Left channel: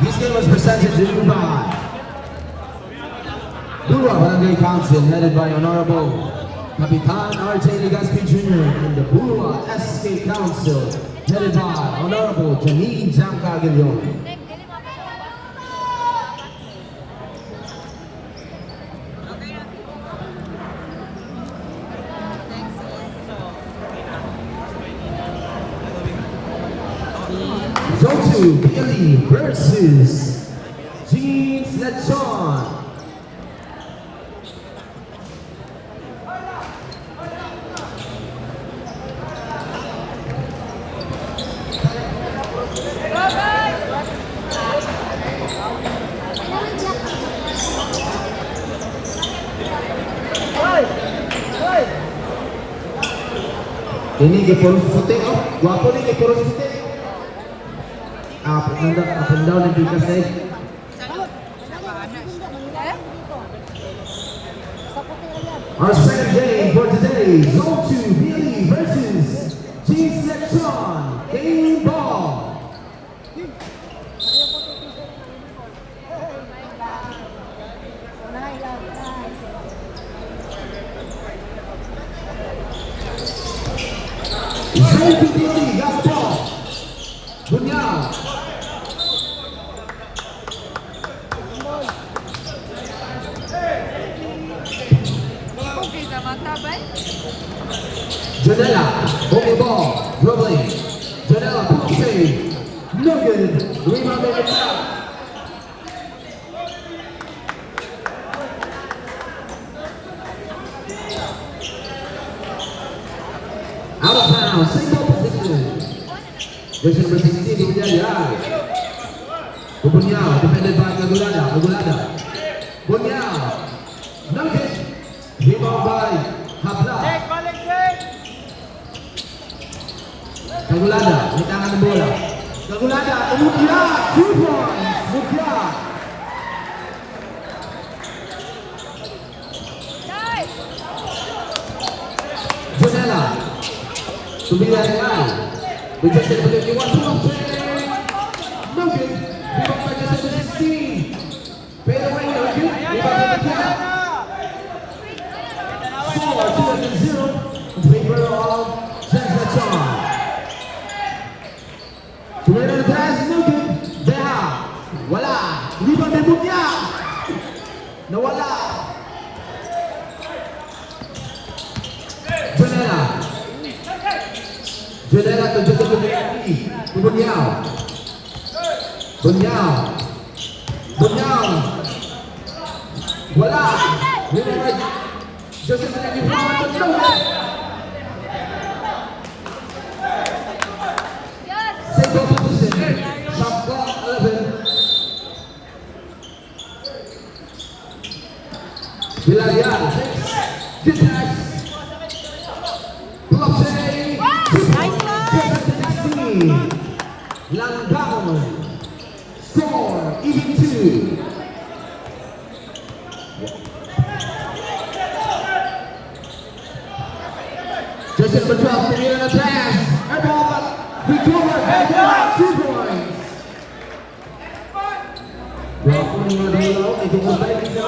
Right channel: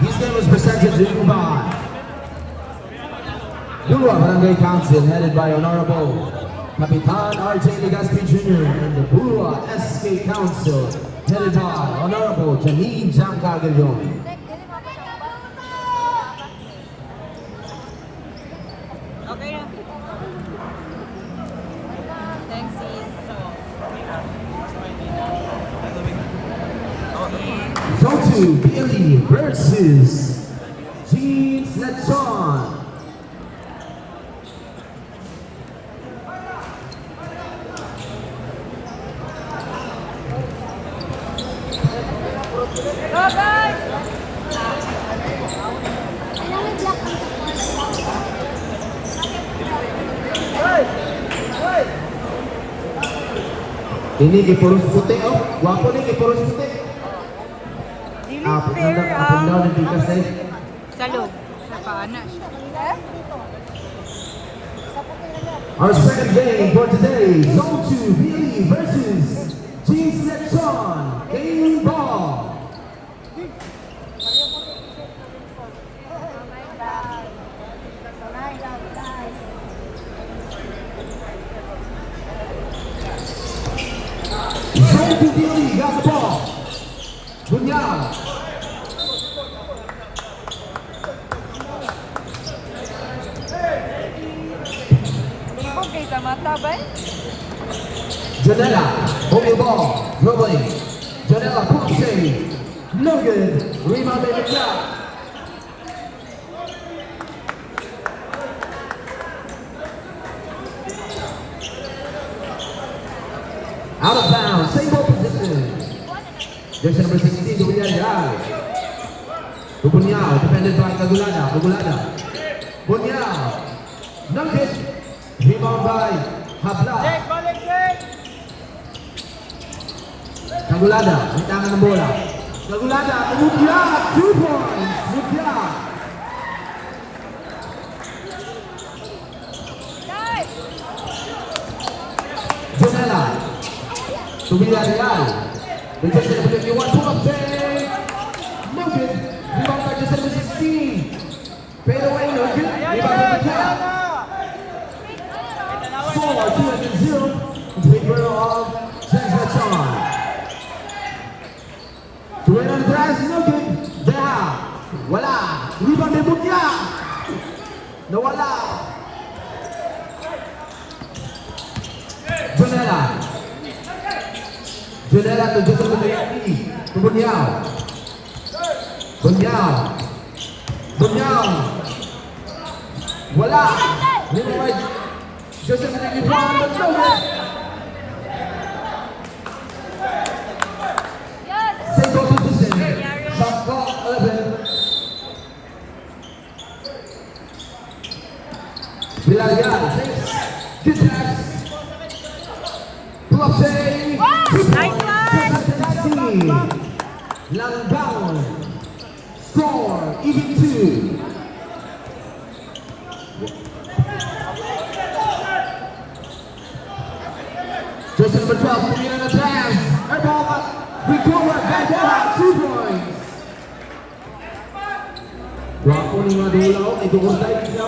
This game was presented to you by Burwa Barangay Council, headed by Honorable Kapitan R.J. Legaspi Jr. and the Burwa SK Council, headed by Honorable Janine Jamcagalion. Go to Billy versus Jeans Lechon. Ini ke Purus Puti, oh, guwapo ni ke Purus Puti. Up and down the bigger stage. Salud. Sa paana siya. Our second game for today, Zone 2 Billy versus Jeans Lechon. Game ball. Zone 2 Billy, got the ball. Bunyag. Janela, holding ball, dribbling. Janela, push save. No good. Rebound in the shot. Out of bounds, single position. This is the 16th Bunyag. Bunyag, defended by Gagulada. Bunyag. No good. Rebound by Habla. Gagulada, may tangan ng bola. Gagulada, Mutya, 2 points. Mutya. Jonella. Tumila Regal. Rejected by the game. No good. Rebound by the 16. Fade away. No good. Score 2-0. Favor of Jeans Lechon. Tuloy na nagras, no good. Beha, wala. Rebound may Mutya. Nawala. Jonella. Jonella to Joseph Mayaki. Bunyag. Wala. Joseph Mayaki. Villarreal, good pass. Blockchain. Langgao. Score, even 2. Jersey number 12, tumira na pass. Air ball, but recover. Back out, 2 points. Guwapo ng mga dalaw. Ito ko tayo dito.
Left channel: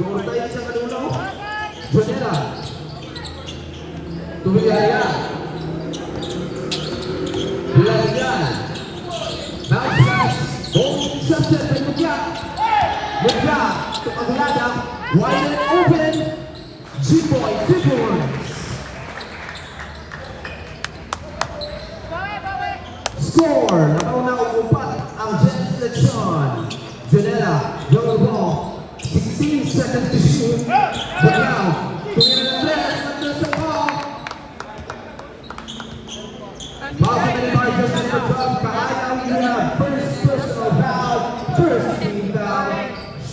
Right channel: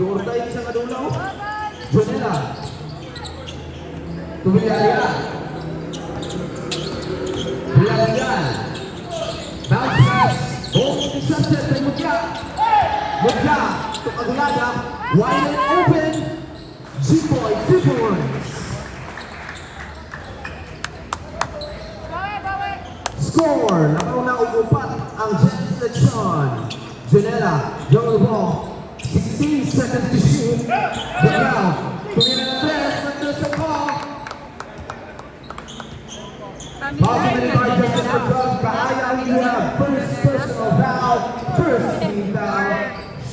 Doon tayo sa kadulo. Jonella. Villarreal. Bounce. Ball intercepted by Mutya. To Gagulada. Wide and open. G-Boy, 2 points. Score. Nakauna upat ang Jeans Lechon. Jonella. Roll ball. 16 seconds to shoot. Jonella. Tumira na press. Under the ball.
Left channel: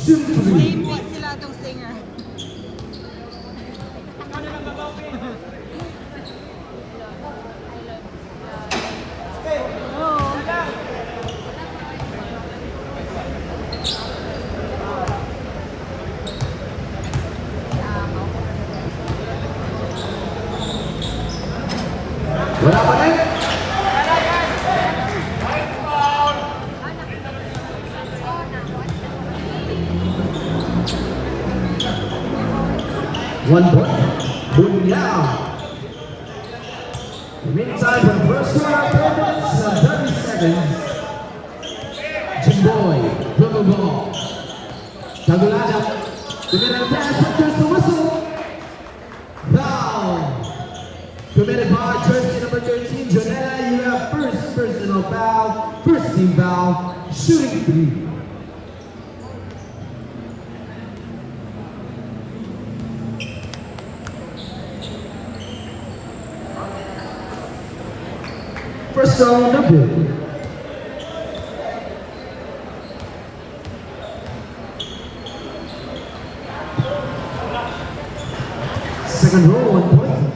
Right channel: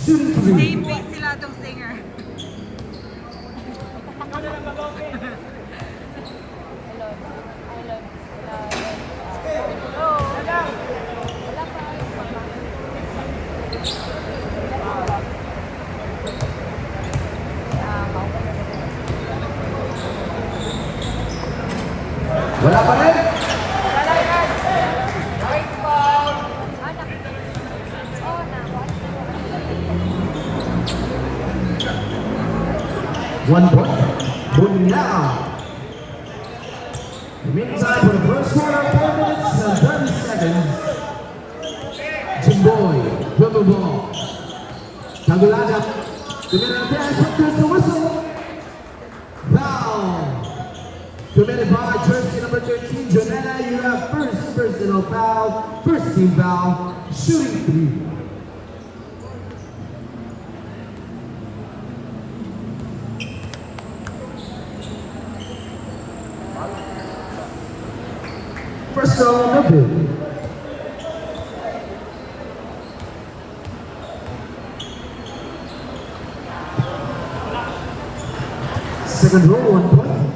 Hindi sila itong singer. 1 point. Moving now. Remaining time for the first quarter, 4 minutes and 30 seconds. Jimboy, dribble ball. Tagulada. Committed a pass, there's the whistle. Foul. Committed by jersey number 13, Jonella. You have first personal foul, first team foul, shooting 3. First foul, number. Second row, 1 point.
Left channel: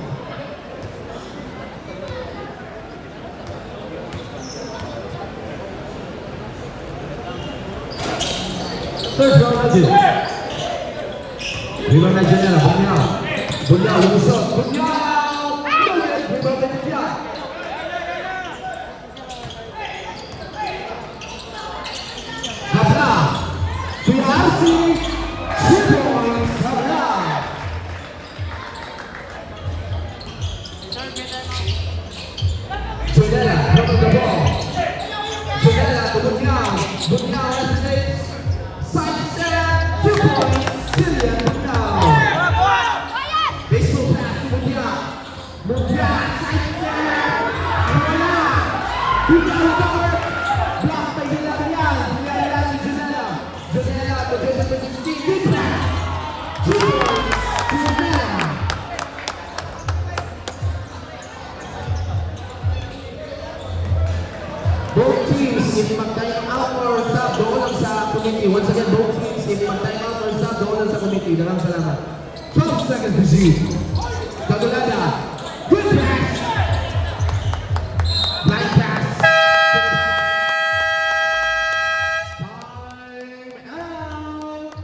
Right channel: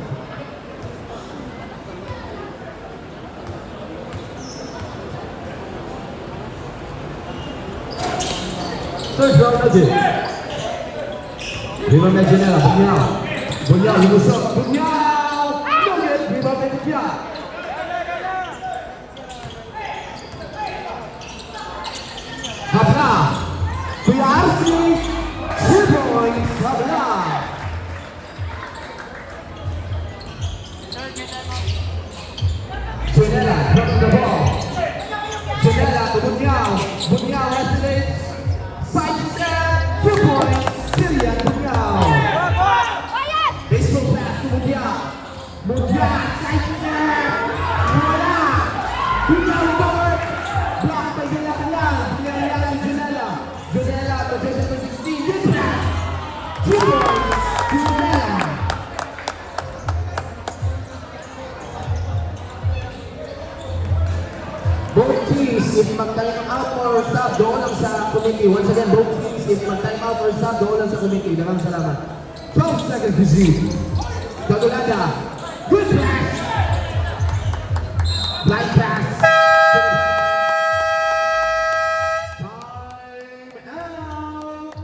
Third row, Najib. Rebound na Janela, Bunya. Bunya, lumusok. Bunya! Rebound na Bunya. Habla. Kuya Arsi. 2 points. Habla. Janela, hits the ball. Janela, Bunya. Bunya, side step, 2 points. Celia, Bunya. Baseball pass to Bunya. Bunya, side step. Bunya. Bunya, recover. Block by Janela, Bunya. Bunya, Janela. Janela, position 16. Good pass. 2 points. Janela. Both teams, if mag-time out or stop, doon lang sa committee. Once again, both teams, if mag-time out or stop, doon lang sa committee. Maraming salamat. 12 seconds to shoot. Tagulada. Good pass. Blind pass. Time out.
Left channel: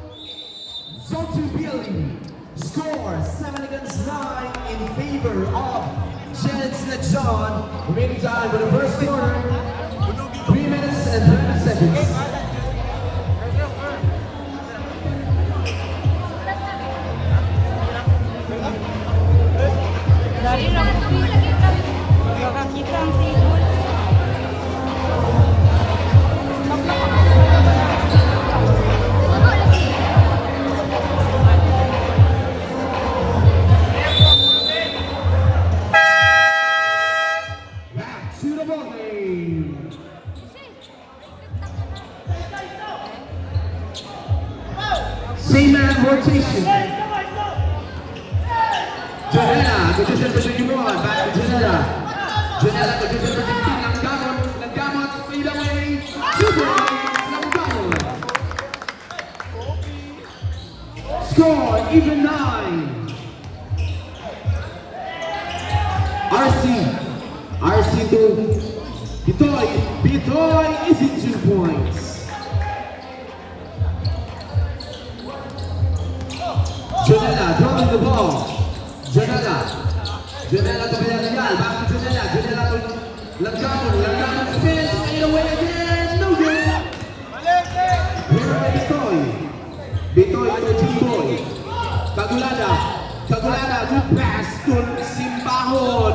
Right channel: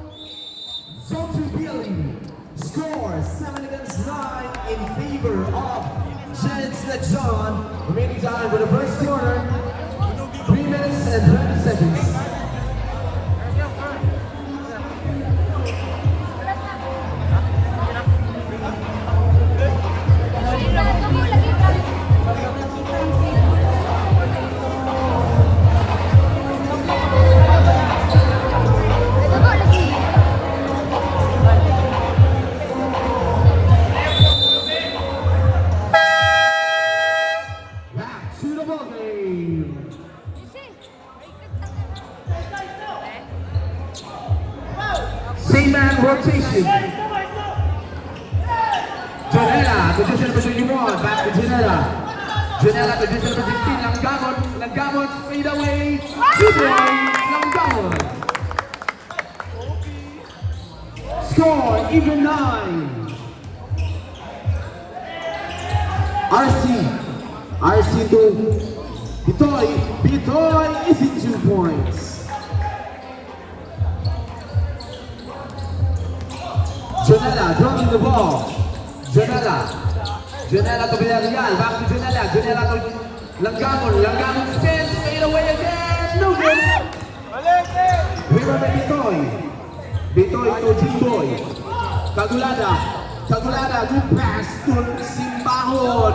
Zone 2 Billy. Score 7 against 9 in favor of Janet John. Remaining time for the first quarter. 3 minutes and 30 seconds. Back to the ball game. Same man rotation. Janela, position to 21. Back to Janela. Janela, position to 15. Naggamot, fade away. 2 points. Naggamot. Score, even 9. RC to Bitoy. Bitoy is in 2 points. Janela dropping the ball. Janela to Janela. Back to Janela. Janela to Naggamon. Naggamon spins. Fade away again. No good. Here by Bitoy. Bitoy to Jimboy. Tagulada. Good pass to Simbahon.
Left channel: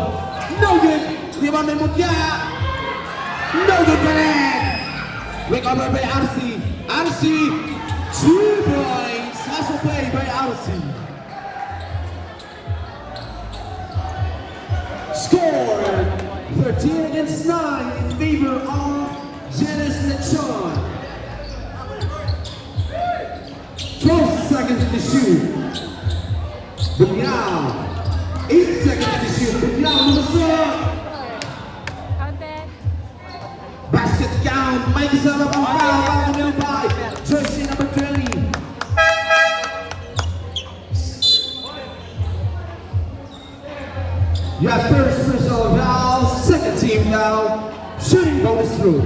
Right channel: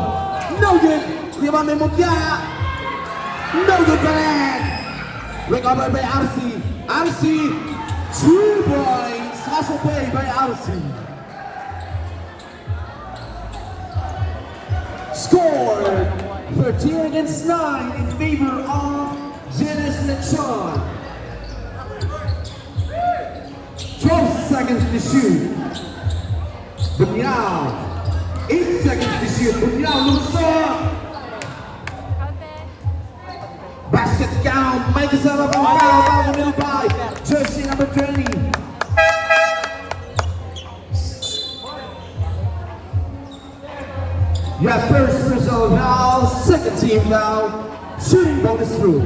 No good. Rebound by Mutiara. No good back. Recovered by RC. RC. 2 points. Hustle play by RC. Score 13 against 9 in favor of Janice Lechon. 12 seconds to shoot. Bunyao. 8 seconds to shoot. Bunyao lumusok. Basket count. May kasama pang foul. By jersey number 20. You have first personal foul, second team foul, shooting bonus through.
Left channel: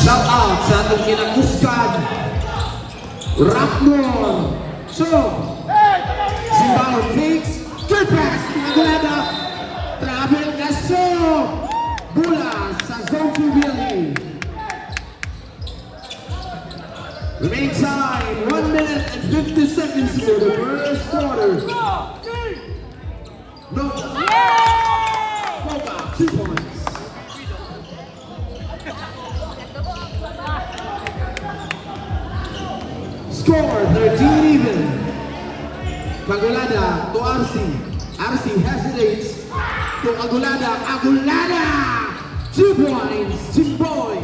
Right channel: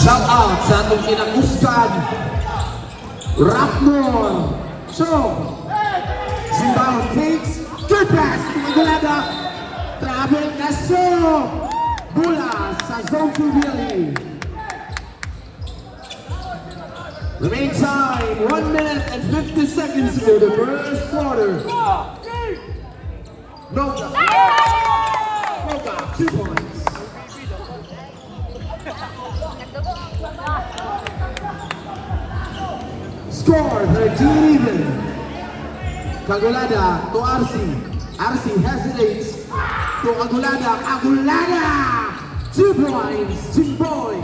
Shout out sa ating kinagustan, Rapmon. So, Simbahon takes, good pass, Magulada, Abel Castro! Bola sa zone 2 Billy. Remain time, 1 minute and 50 seconds for the first quarter. Nova, 2 points. Score 13 even. Agulada to RC. RC hesitates to Agulada. Agulada! 2 points, Jimboy.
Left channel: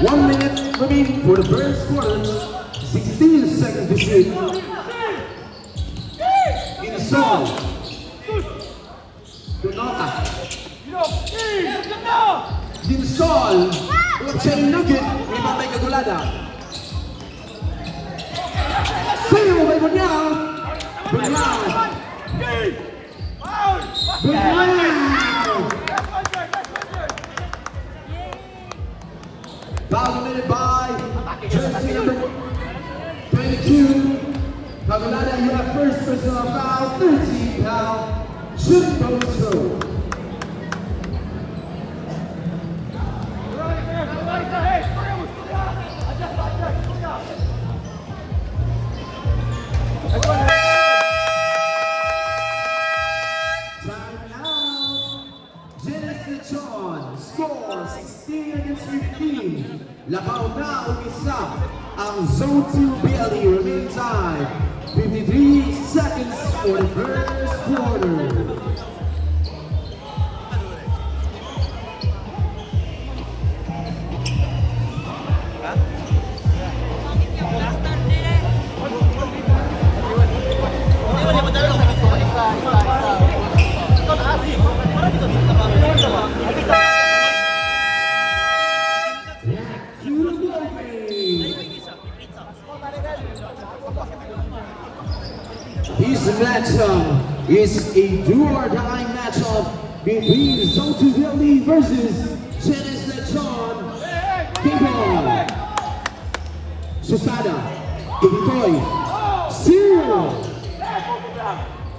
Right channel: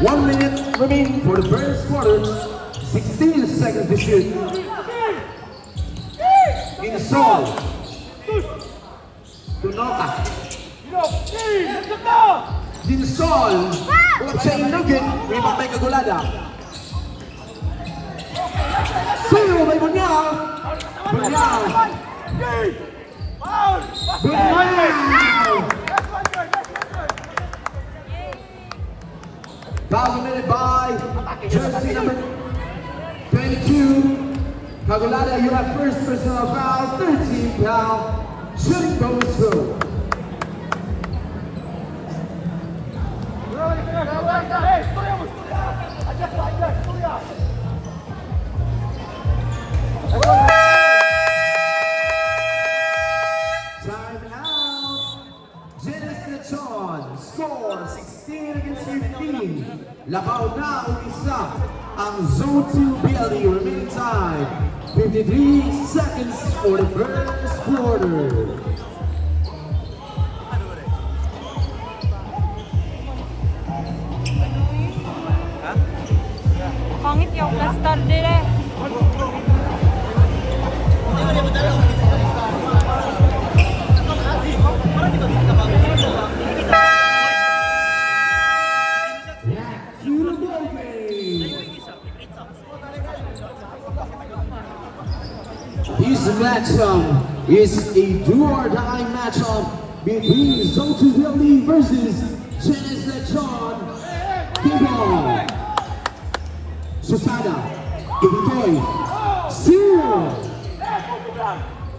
One minute remaining for the first quarter. 16 seconds to shoot. Inside. Donota. Inside. Huwag siya inugit. May matay Agulada. Sayo by Bunyao. Bunyao. Dominated by jersey number 22. Agulada, you have first personal foul, 13 foul. Shoot goes through. Score 16 against 15. Labaw na umisa ang Zone 2 BLE. Remaining time 53 seconds for the first quarter. Pangit yung stand nila. This matchup is a do-or-die matchup between Zone 2 BLE versus Chinese Lechon. Kibon, Susada, Kibitoy, Zero.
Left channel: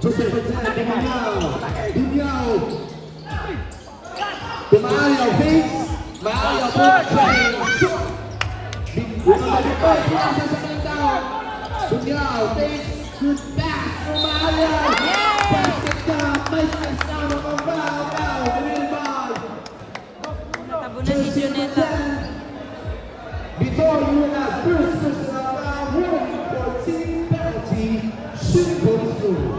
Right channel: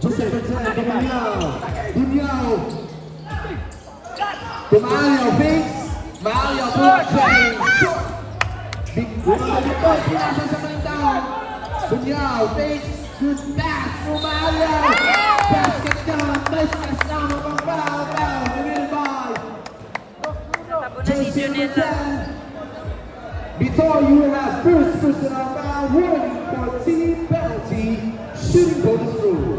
Joseph Dinyao, Mario Bates, Mario Dinyao, Bates, good pass for Mario. Basket down, nice pass now, win by Jersey number 10. Before you have first personal foul, warning for team penalty, shooting goes through.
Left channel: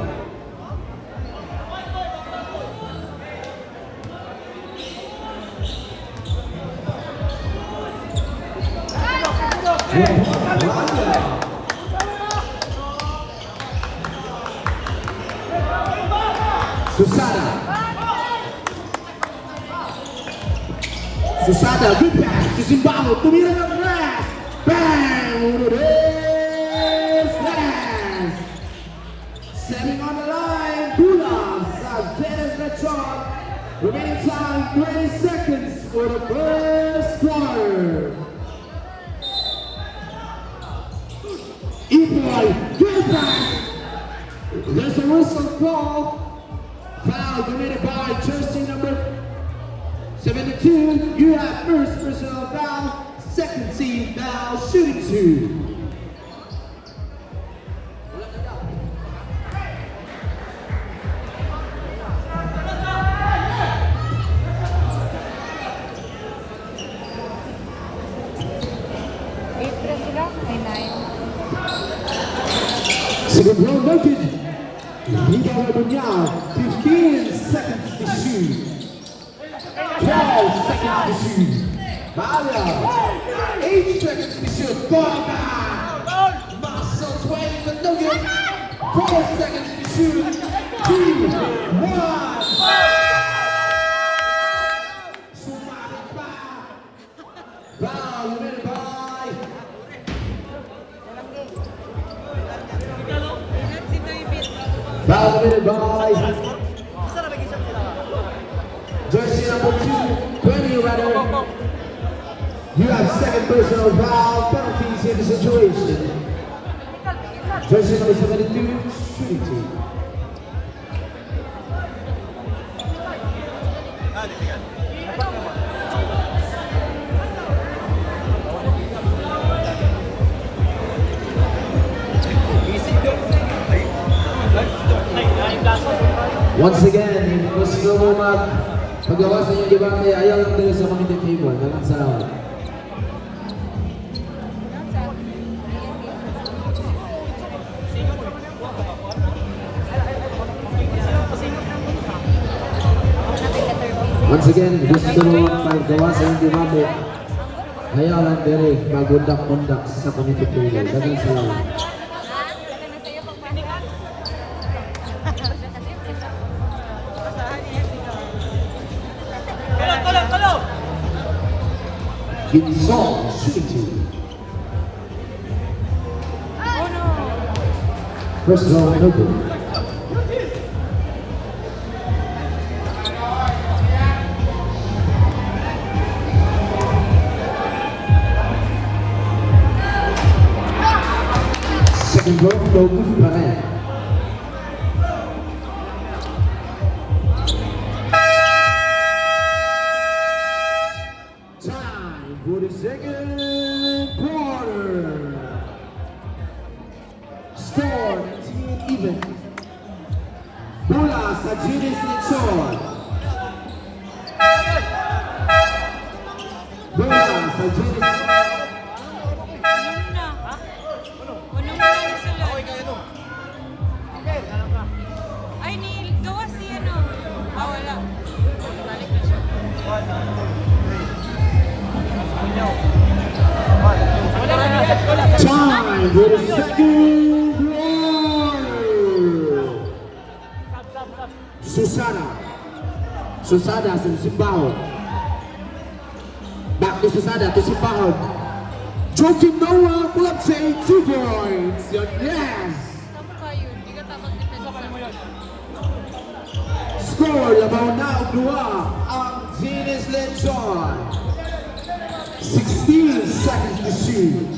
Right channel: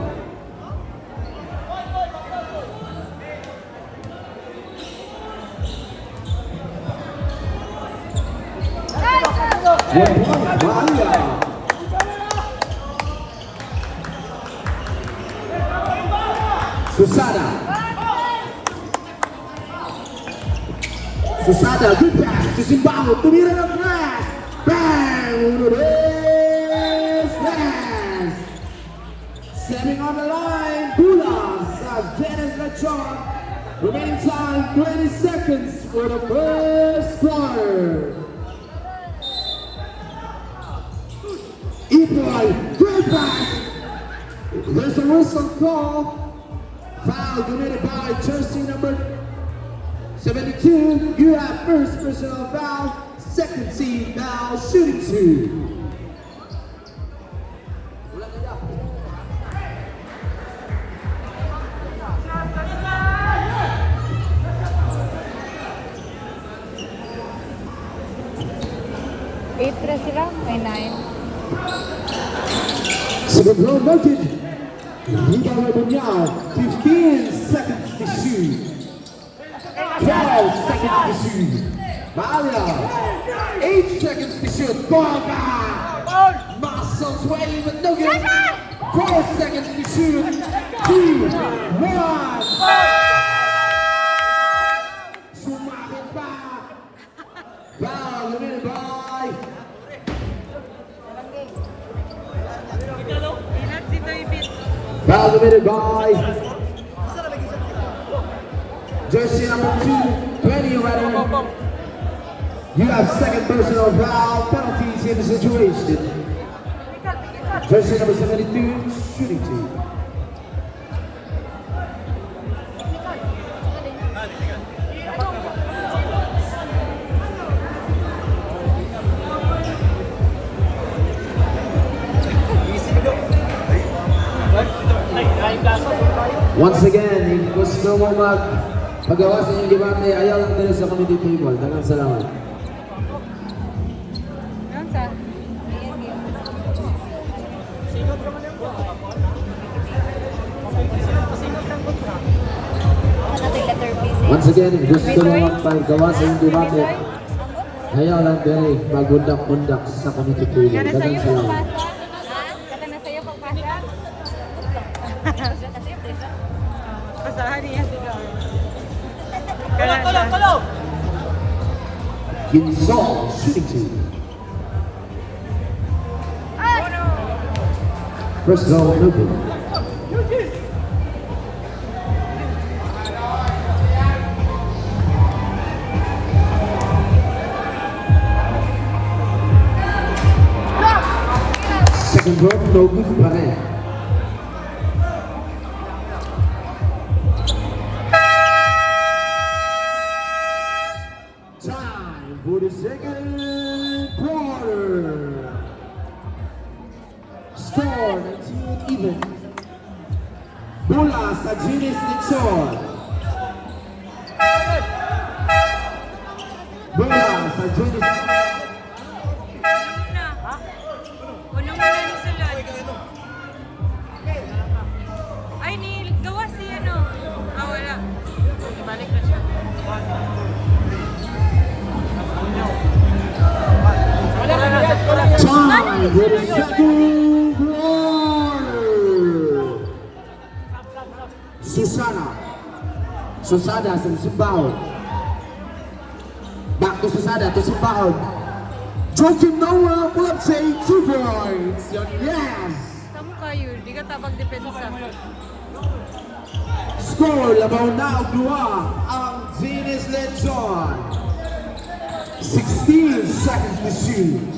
Susada, good pass to Zimbabwe, tumira ng glass, bang, uno this, pass, setting on the line, Pulas, Dennis Lechon, remaining time 20 seconds for the first quarter. Ipoy, good pass, there's a whistle call, foul committed by jersey number 72, you have first personal foul, second team foul, shooting 2. Second row noted. Rebound Bunyao, 15 seconds to shoot. 12 seconds to shoot. Mario, 8 seconds to shoot. Muscle 20 but no good. 4 seconds to shoot. 2, 1. Foul committed by foul committed by jersey number 2, 20 running. You have second personal foul, penalties in the situation. Jersey number 72, shooting team. Once again, gusto mo paggawa sa inyong debate, ayaw lang tayo sa committee table. Naman sa lawan. Once again, gusto mo paggawa sa inyong debate, ayaw lang tayo mag-undak-undak sa committee table. Naman sa lawan. Ginzal shooting team. First ball open. Second ball, no good pa rin. Time for the second quarter. Score not even. Bola sa Ginis Nixon. Bola sa Ginis. Unong na ni Sulod. Ay, gawa si ano. Wala. Balik na siya. Time for the second quarter. Susana sa Simbao. Back to Susana to Simbao. Joakim Noah pull up say 2 points. Yes. Kayo, hindi ka tapang depensa. Score laban na dua ang Ginis Lechon. 16 seconds to shoot.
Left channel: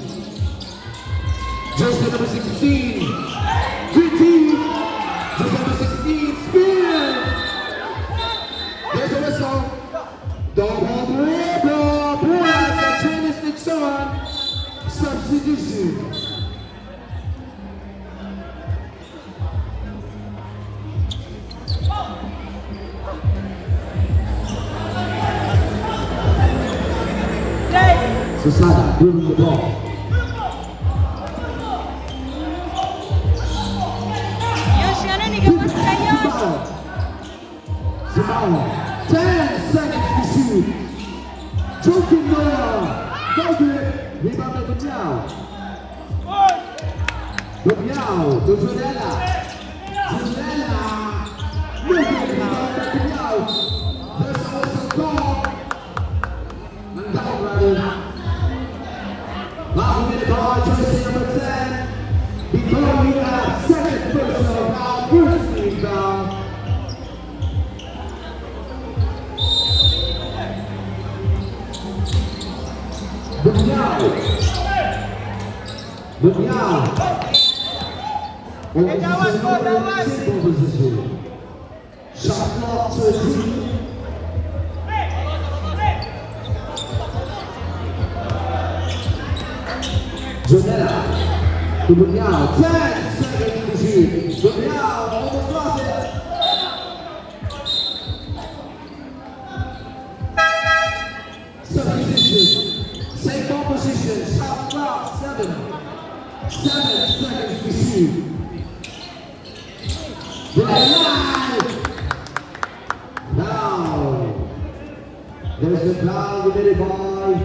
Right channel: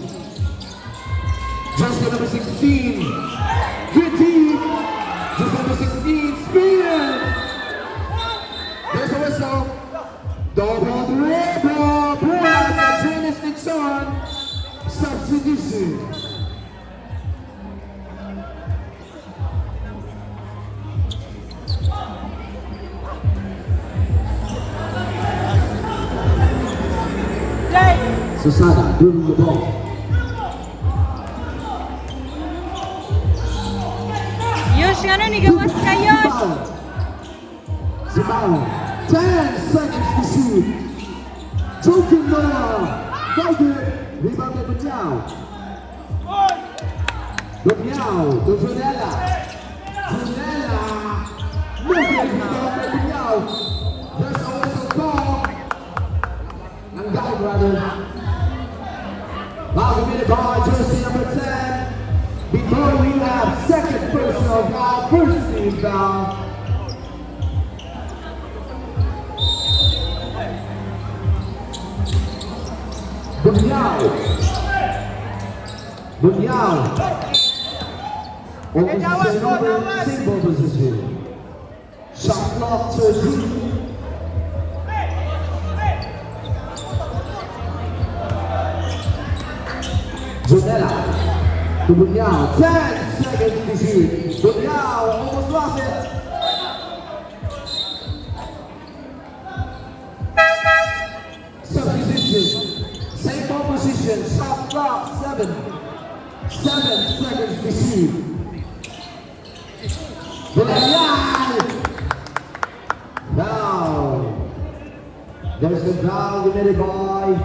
Just number 16, Gritty. Just number 16, Spear. There's a whistle. Double dribble. Plus, Ginis Nixon. Substitution. Susana doing the ball. Yun, si ano, nigapos kayo. Simao. 10 seconds to shoot. Joakim Noah. Valdir. Rebound by Bunyao. Bunyao to Junella. Junella. No good. Rebound by Bunyao. There's a whistle call. Nanggaling brother. Now we're going to jersey number 10. Before we have second personal foul, first team foul. Bunyao. Simple position. Shot clock 13. Janela. Bunyao. 10 seconds to shoot. Bunyao almost lost it. Substitution. Same composition. Shot clock 7. 7 seconds to shoot. Now, there's a foul committed by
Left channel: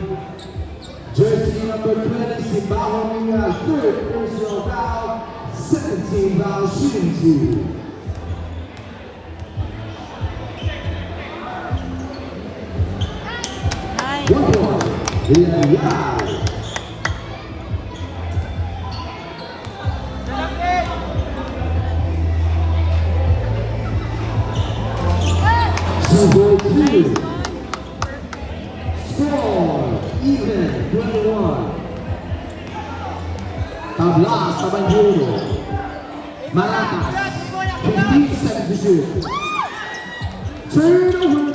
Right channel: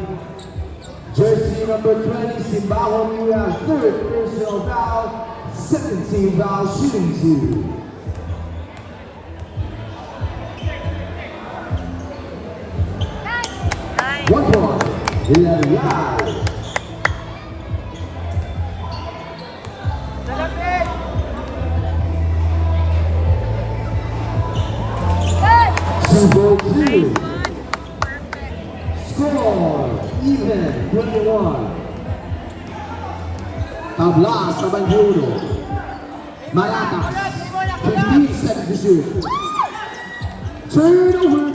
jersey number 20, Simbao. We have third personal foul, 17 foul shooting team. One point, 11 yards. Even 21. Tablas sa Banjuro. Maracas, 15-17. Turnover.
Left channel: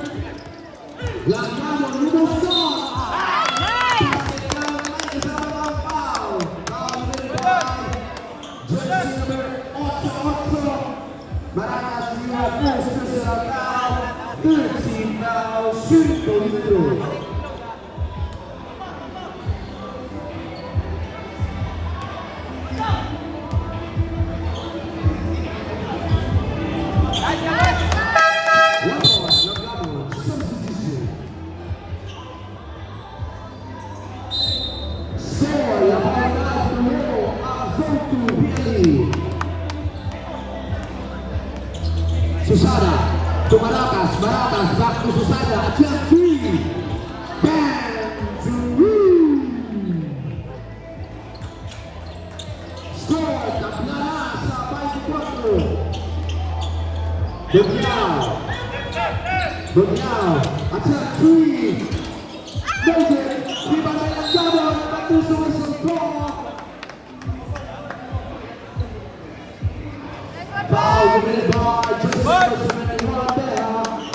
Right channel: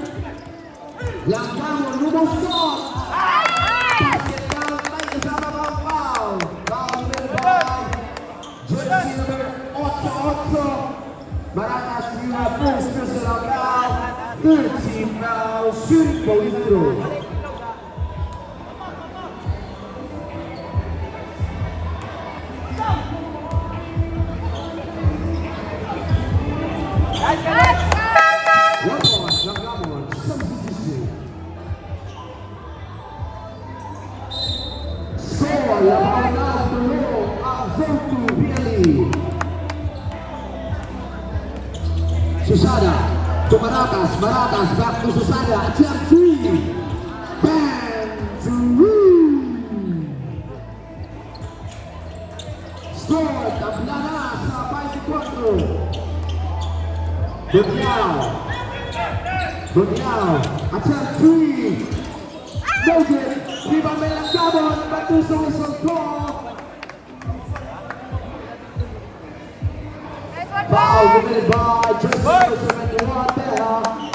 Lanzamos número 2. Maracas, first personal foul. 13 foul, shoot for Susana to Maracas, Maracas back to Susana, attack 3, bang, to Woo. Score, Taplanas, sa 24. Burial, attack 3, Nugget, viva Melangado, back to Susana. Foul,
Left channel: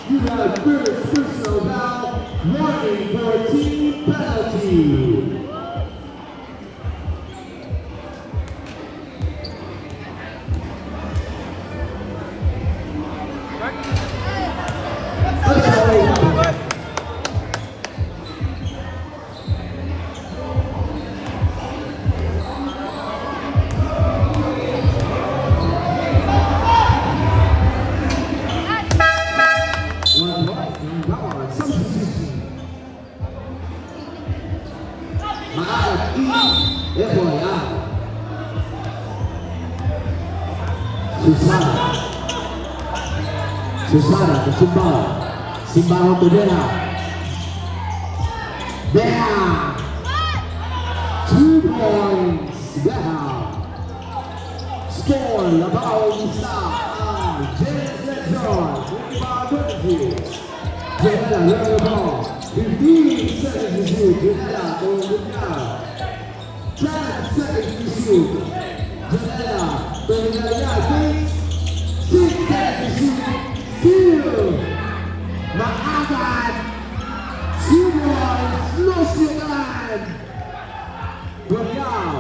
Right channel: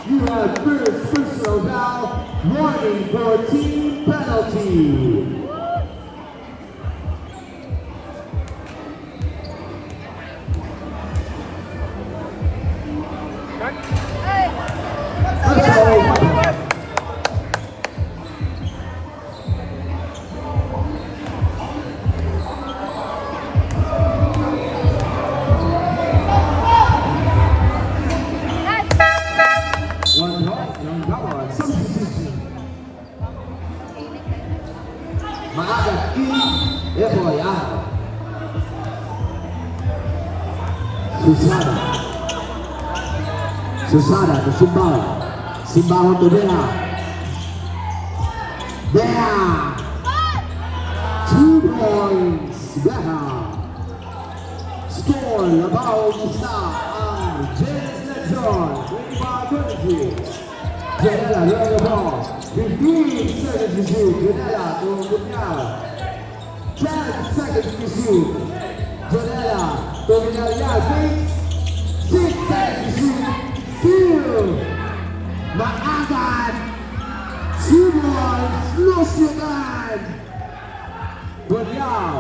you have first personal foul, warning for team penalty. Susana to Simbao. Simbao to Dela. There. 2 points. Beha. Score Labao Musa and James Lejon. 25-50. Janela Labao. 15-17. Janela to Musa. 10 seconds to shoot. Janela to Janela. 6 seconds to shoot. Maagad, 2 points, no sigan. Burial,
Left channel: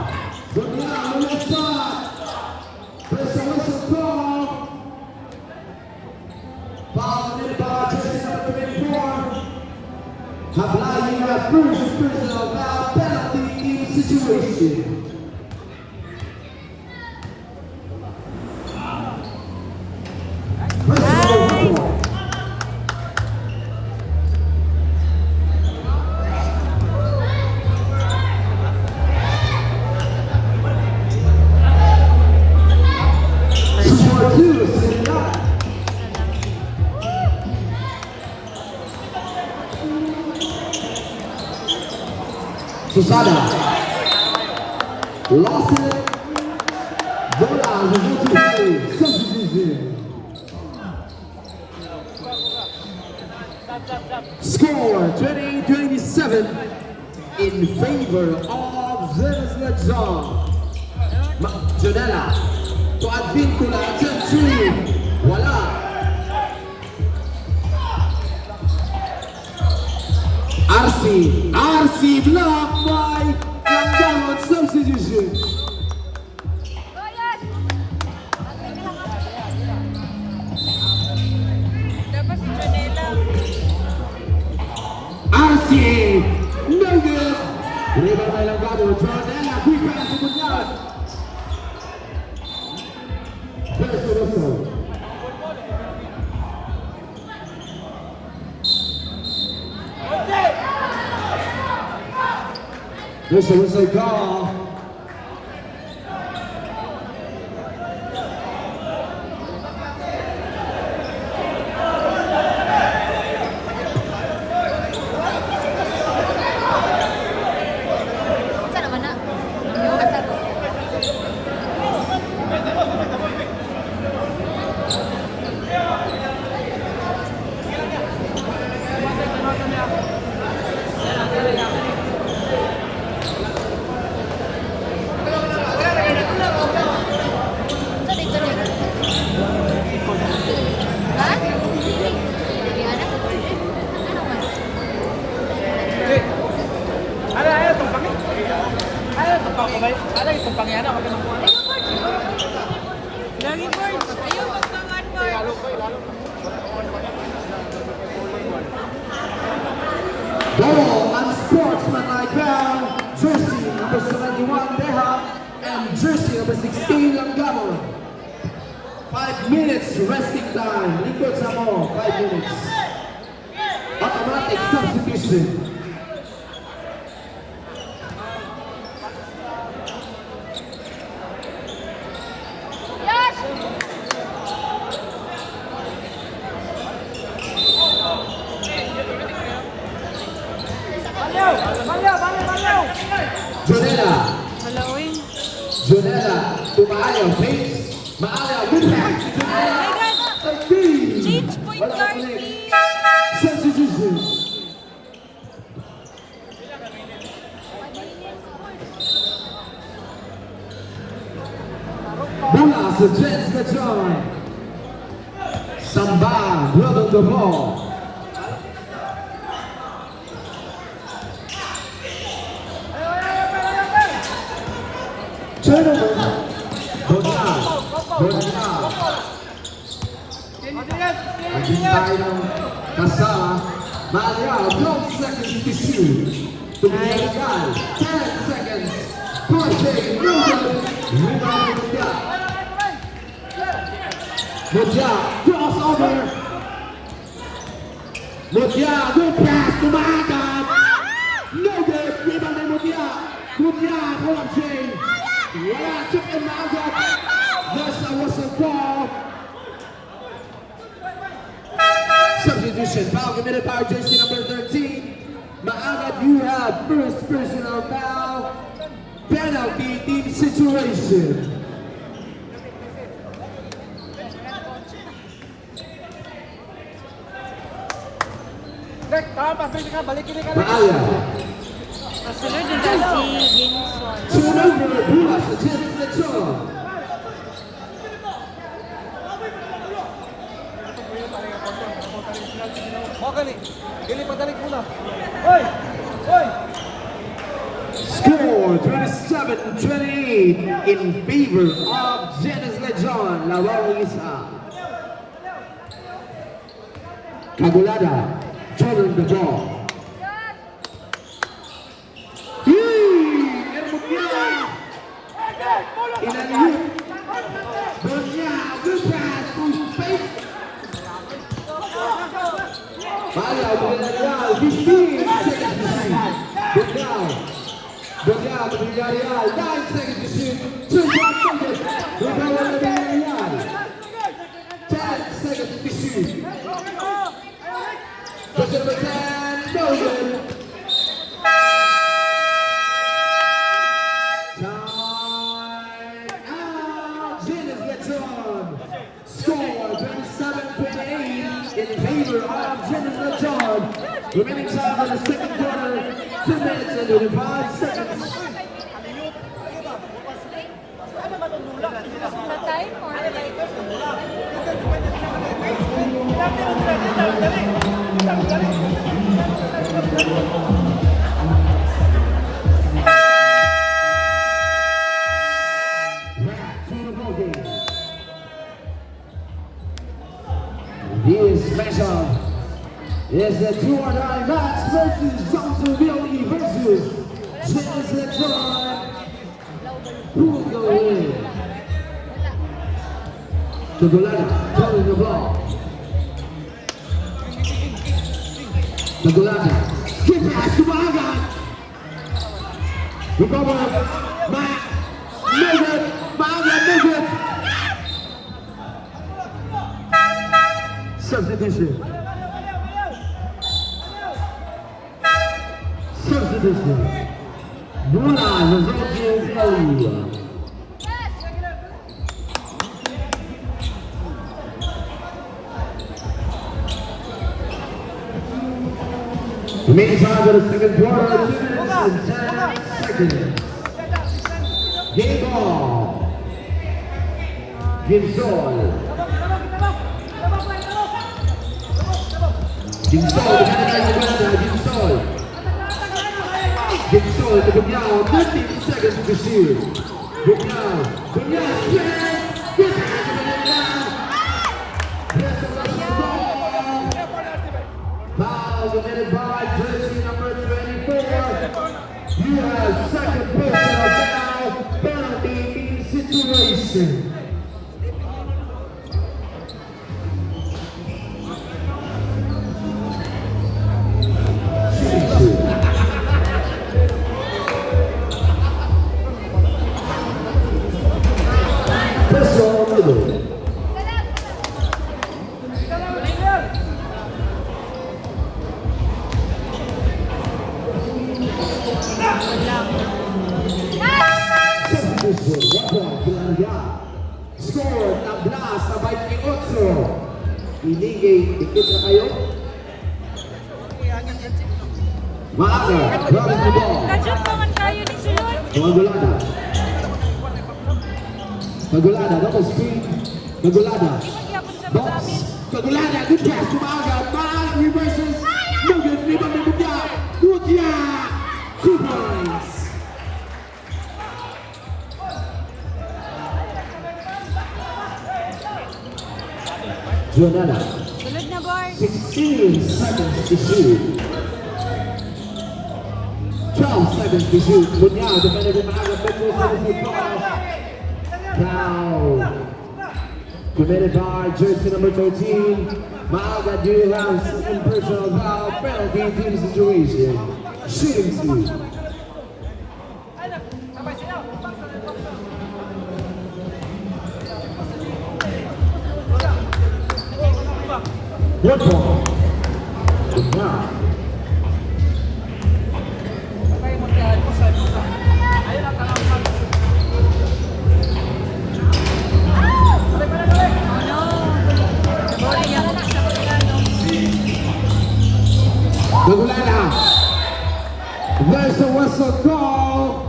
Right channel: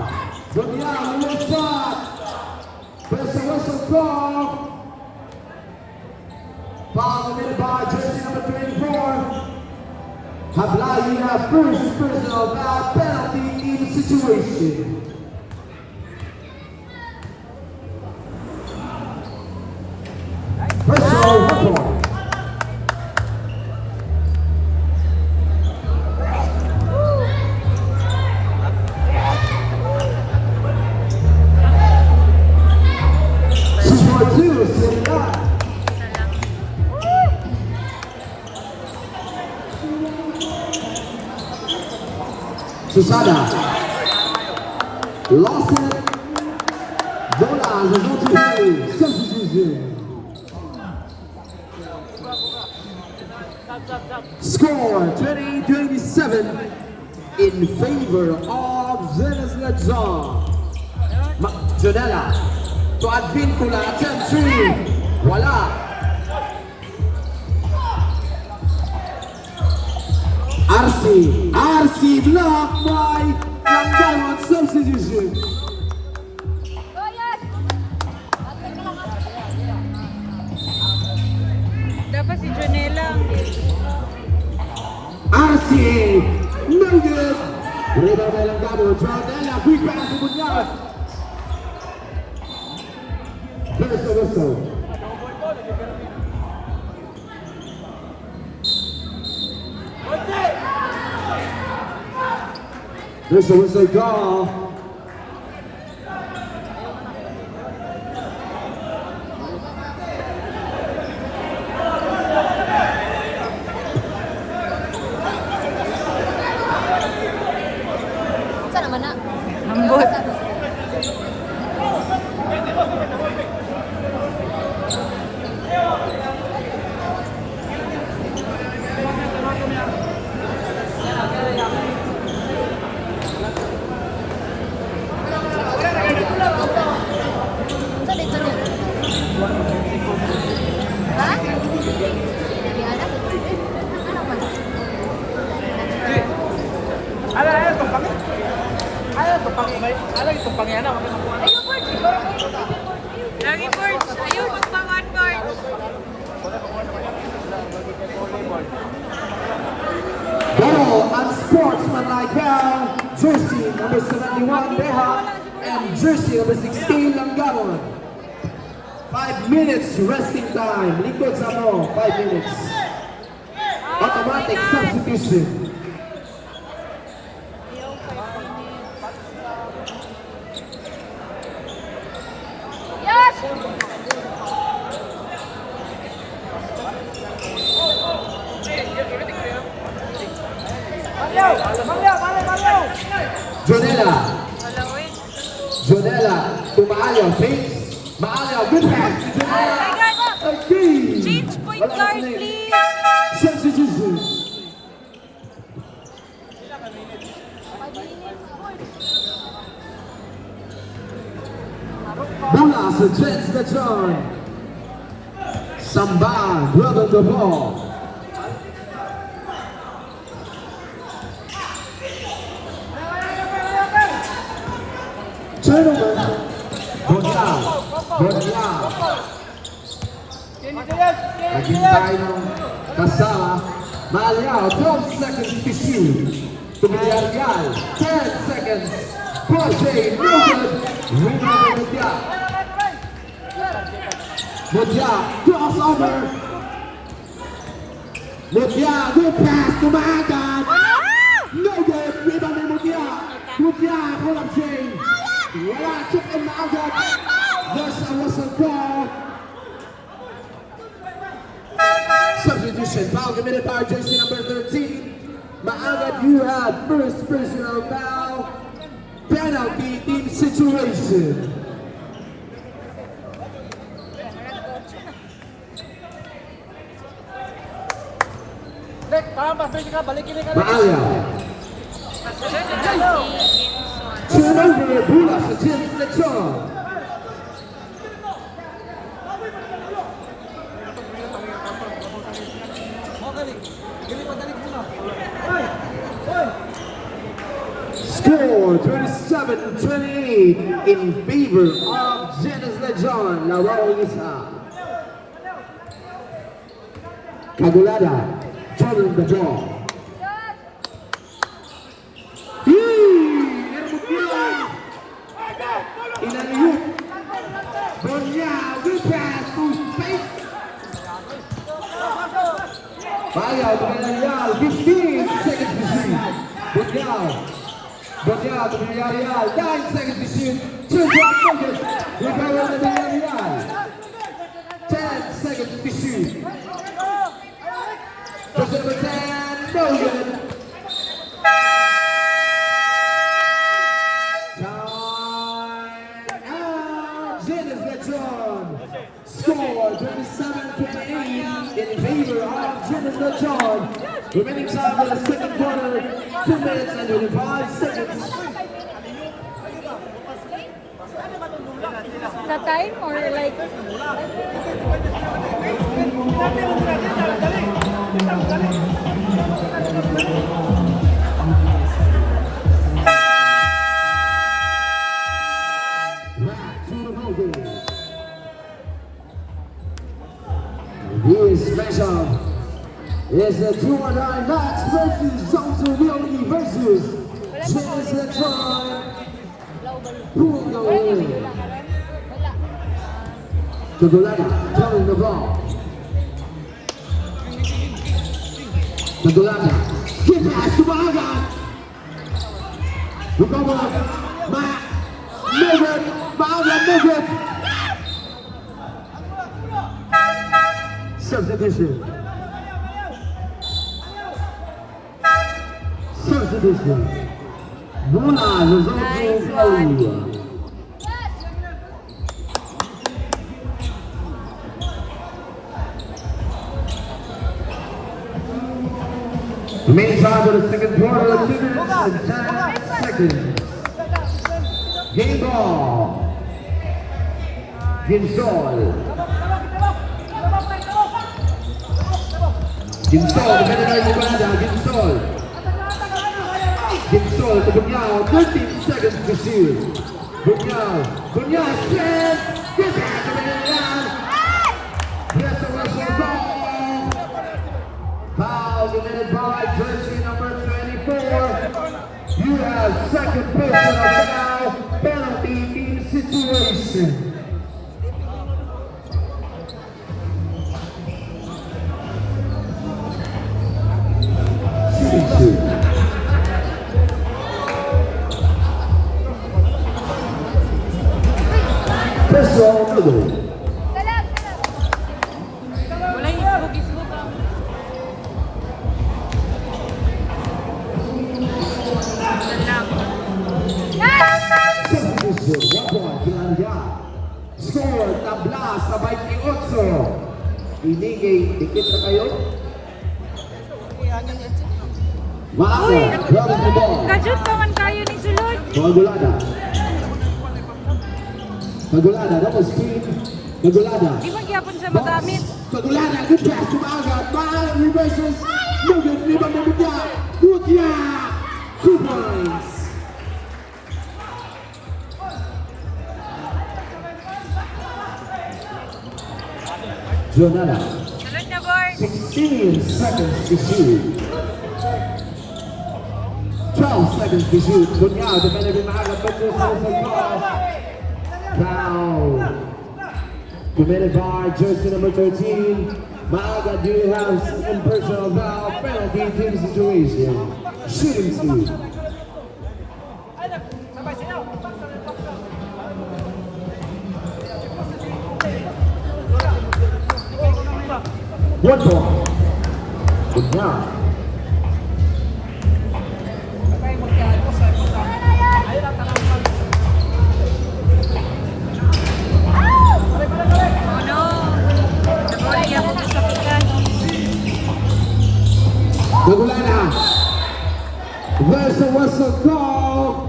what's up? There's a whistle call. Foul in by just number 24. Applying a first personal foul penalty situation. Susana lost it. Bola resultou substitution. Score 20-27 in favor of Zenas Lechon. Janela to Advincula, 10-3. Wala. RC blocked by Langgano on substitution. RC, no good. Rebound by Langgano, Jordana, quick pass to Munyaz. First whistle. This was a call. Sana mana? Sabay, alam itong pangyana, kapag nakuha na. Lagi board. Ayaw magpangan board. Ball and sportsmanlike foul. Jersey number 71, Beha, and jersey number 16, Langano. 5 minutes resting time. Likod sa mo, 5 minutes. Automatic substitution. Jonella. Jonella to Maalia. Pace. Maalia. Good pass to Jonella. Change point guard, please. Substitution. Bola sa Jens Gachon. Samba, grab on the ball. Turnover. Bola. Bola. Kasa. Malia, 12 seconds to shoot. Tumiyagal, 10 seconds. Poche, Rebound Modia. Modia, crossover. Modia, good pass to Maagap. No good, rebound ni Modia. Modia, pull up chain. Wala, chip in Maagap. There's a whistle call. Substitution, foul committed by jersey number 13. Maagat, you have first personal foul. Penalty team situation. Nek, tama, pwede ka, balikin ka. Maaga. Turnover, Bulas, Jens Lechon. Okay, gili pagdalik muna. Hoy! Hoy! Score 27-28 in favor of Jens Lechon. Lawang isa. Cagulada, turning the ball. Hermogia. Inaliu. Bonya, good pass to Faith. Fire, Bonya, 15 seconds to shoot. Bonya, 9 seconds to shoot. 2 seconds. Rebound, Bonya. 10 seconds to shoot. Doesn't pretend, no good. Time out. Jens Lechon. Score 27-28 in favor of Jens Lechon. Remaining time in the second quarter, 2 minutes and 25 seconds. Na time or like... Back to the ball game. This matchup is the 2-on-9 match versus Zhangzhou Liaoyi versus Jens Lechon. Who will go in? Tagulada throwing the ball. Tagulada. Give pass to Maaga. Recover. No good. Maaga, no good. Substitution. Substitution. Bola, Zhangzhou Liaoyi. Meantime, in the second quarter, 2 minutes and 10 seconds. Game ball. Gimsol. Gimsol, Gimsol. Gimsol, Bunyao, 13 seconds to shoot. Bunyao, shoots. Yes, yes, foul committed by jersey number 24. You have second personal foul, penalty in situation. Score, tablas, sabay ni Otso. Inigay, dikit na kayo. Maaga, grabbing the ball. Kadyan naman tayo ni Sunod. Kagulada. Kagulada, double screen. Kagulada. Imagyapon sa Box. magamit. Kagulada, good pass to Maaga. Maaga reverses. Logan, rebound ng Mutya. Mutya. 2 points. Jonada. Sunod na board. 16 seconds to shoot. 12 seconds to shoot. Bunyao, defended by Maaga. Foul. Committed by jersey number 13. Maaga, do you have second personal foul? Penalty in this situation. Shooting team. One ball. Bunyao. Oh no. Nabori niya po sa Kagulada. There's a whistle call.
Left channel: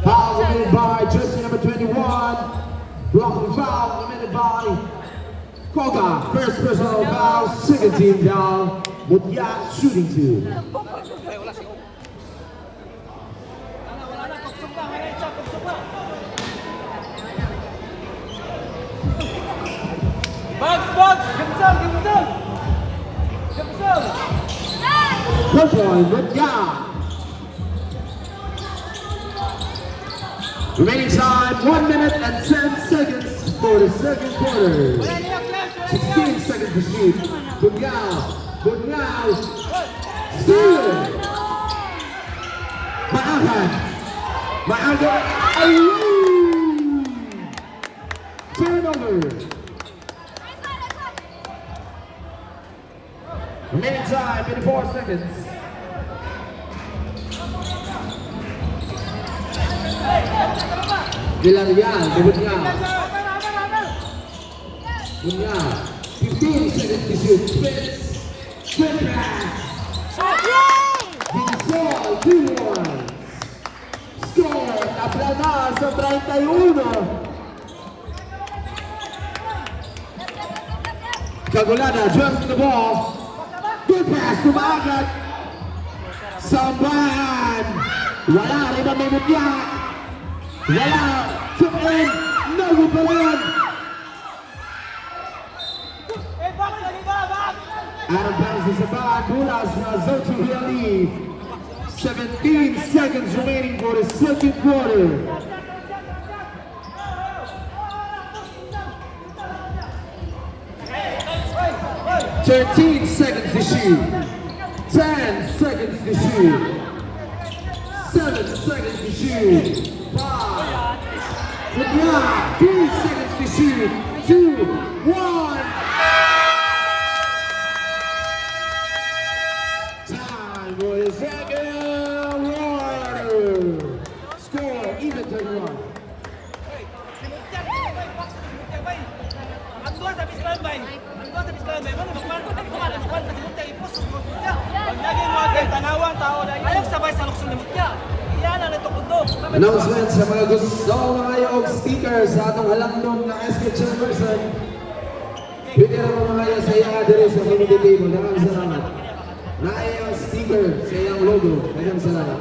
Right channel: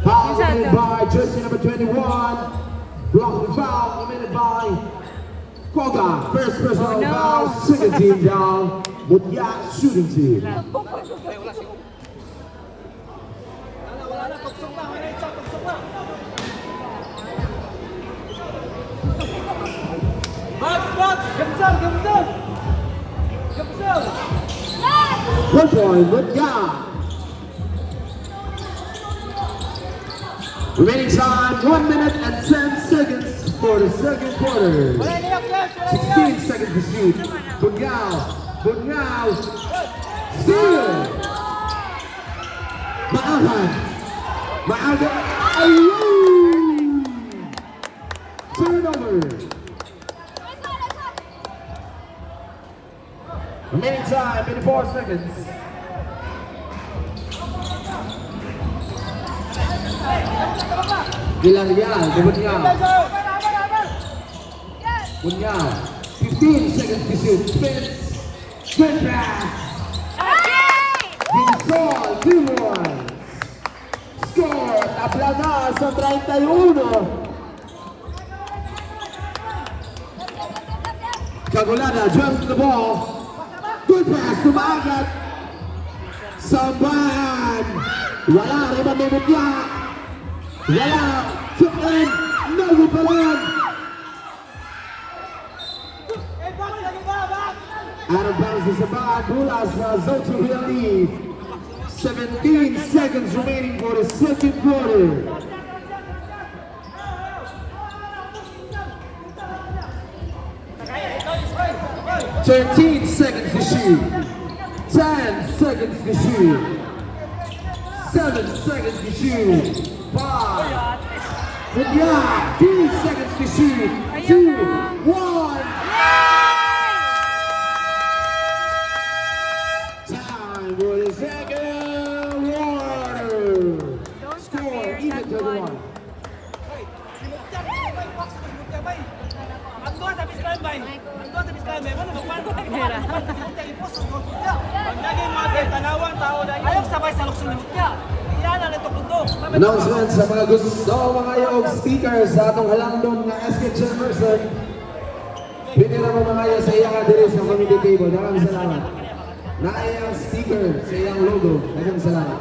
Foul committed by jersey number 21. Blocking foul committed by Koga. First personal foul. Second team down. Mutya shooting team. Wala na, tugsok na. Wala isa, tugsok na. Box! Gamsang! One point, Mutya. Remaining time, 1 minute and 10 seconds for the second quarter. Wala niyak yan! Wala niyak! 16 seconds to shoot. Bunyao. Steal. Maaga. Ayun. Turnover. Remaining time, 84 seconds. Villarreal, Bunyao. 15 seconds to shoot. Spins. Good pass. Ginzol, 2-1. Score, naplana sa 31. Kagulada jumps the ball. Good pass to Maaga. Sambahan. Wala, rebound ni Mutya. Wala, took in. No rebound. Bakit lagi ba? Out of bounds is about Bulas zone to real lead. 17 seconds remaining for the second quarter. 13 seconds to shoot. 10 seconds to shoot. 7 seconds to shoot. 5. Yeah, 3 seconds to shoot. 2, 1. Time for the second quarter. Score even 31. Andua sa Bislan bay. Ano magkwento na ito? Magkwento na ito. Ipos ang Mutya. Pag naging mga kay tanawang tao dahil ayaw sabay sa luksong ni Mutya. Iyan ang ito kundo. Announcement sa mga gusto mga yung speakers sa atong halangdong na SK Chamberson. Pwede na mga sa iya dire sa community table. Yan sa na iyong sticker sa iyong logo. Maraming salamat.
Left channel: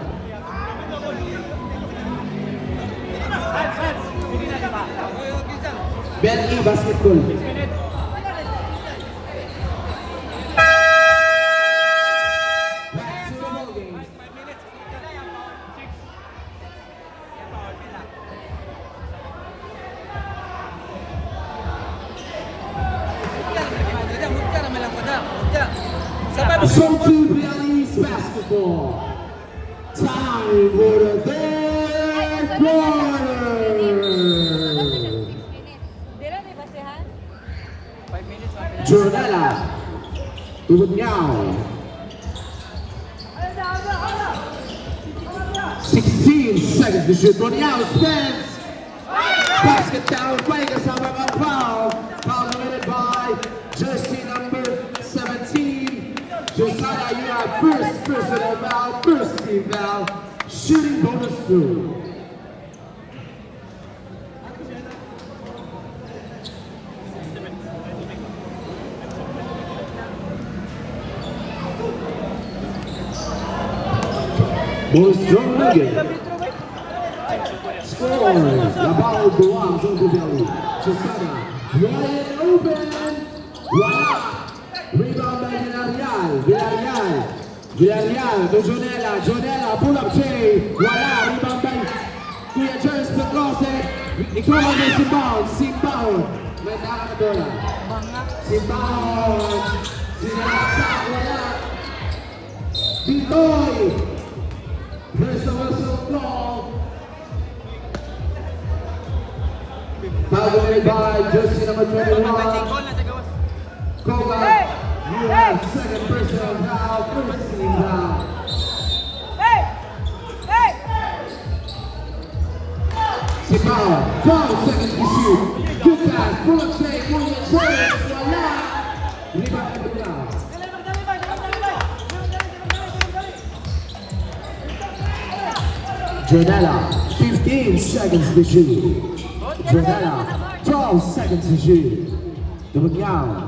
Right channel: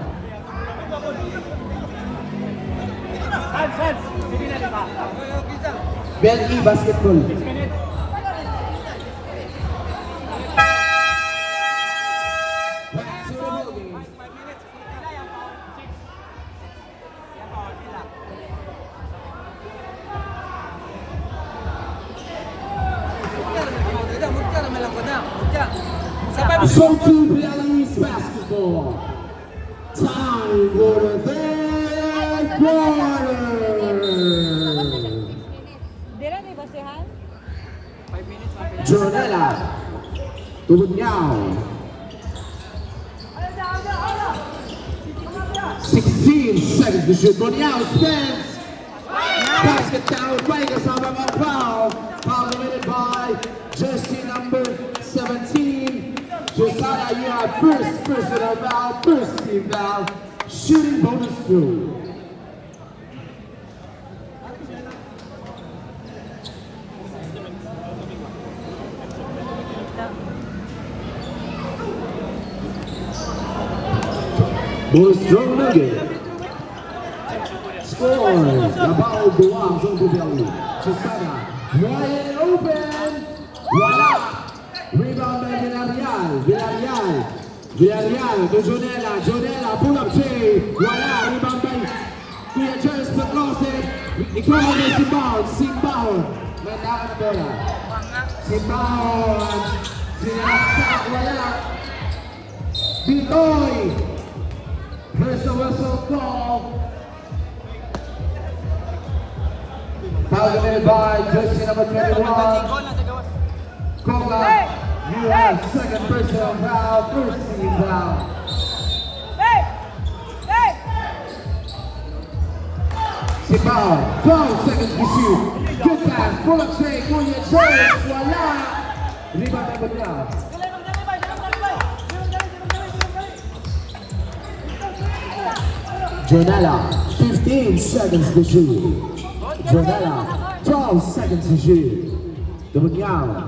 Ben E. Basketball. Back to the ball game. 5 minutes. Sila yung power. 6. Yan power sila. Mutya naman lang ko na. Mutya. Sabay mo. So to Bialis basketball. Time for the third quarter. Dila ni basehan? 5 minutes. Jornella. Tubod niyaw. 16 seconds to shoot. Boniao spins. Basket down by kasama ng foul. Foul committed by jersey number 17. Josiah, you have first personal foul, first team foul. Shooting bonus 2. Boys John Lugan. Score. Labao Duang John Gubeli. Josiah. Wide open. Wala. Rebound by Villarreal. Villarreal to Jonella. Jonella pull up three. Wala. Rebound by Kuya Jerez Petrose. Ikaw ang may Simbao. Simbao. Manapper. Simbao. Sinaksak. Wala. Bitoy. Here's the whistle call. Foul committed by jersey number 21. Koga, you have second personal foul, first team foul. Simbao, 12 seconds to shoot. Good pass, pull up shake, Kuya Jerez, wala. Rebound by Villarreal. Jonella, 15 seconds to shoot. Jonella, 12 seconds to shoot. Boniao,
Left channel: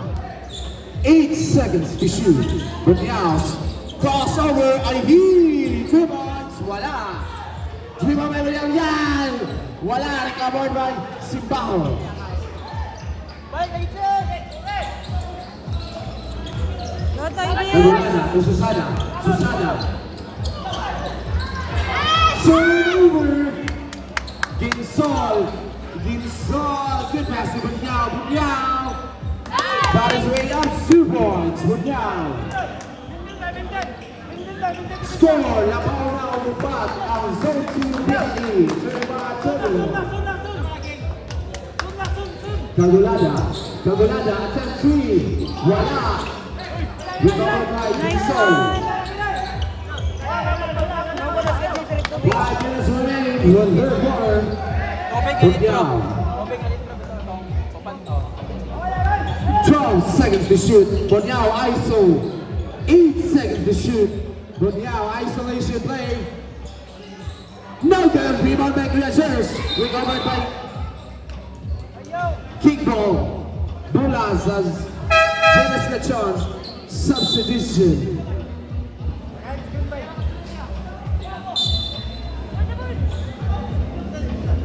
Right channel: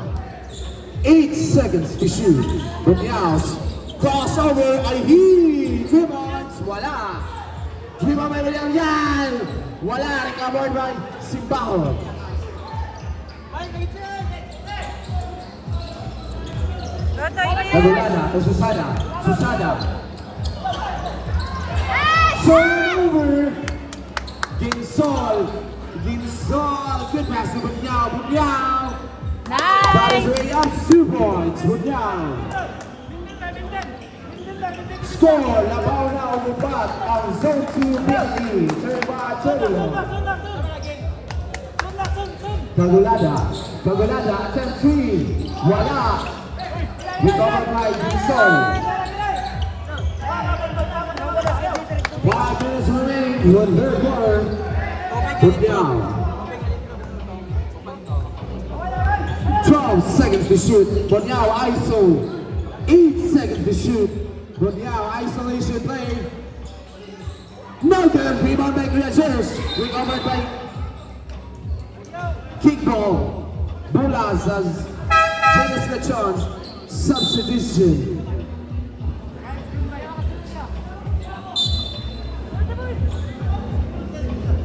8 seconds to shoot. Boniao, crossover, Ivy, rebounds, wala. Rebound by Villarreal, wala. Recovered by Simbao. Jonella, Susana. Turnover. Ginsol. Good pass to Bunyao. Got his way up 2 points. Bunyao. Score. La Paula Upat. Ang 0-2 Bialy. Kagulada. 10-3. Wala. Rebound by Ginsol. 5 minutes remaining. One third quarter. Bunyao. 12 seconds to shoot. Bunyao ISO. 8 seconds to shoot. Bunyao isolation play. No good. Rebound by Creatures. Recovered by Kickball. Bulas as Janice Lechon. Substitution.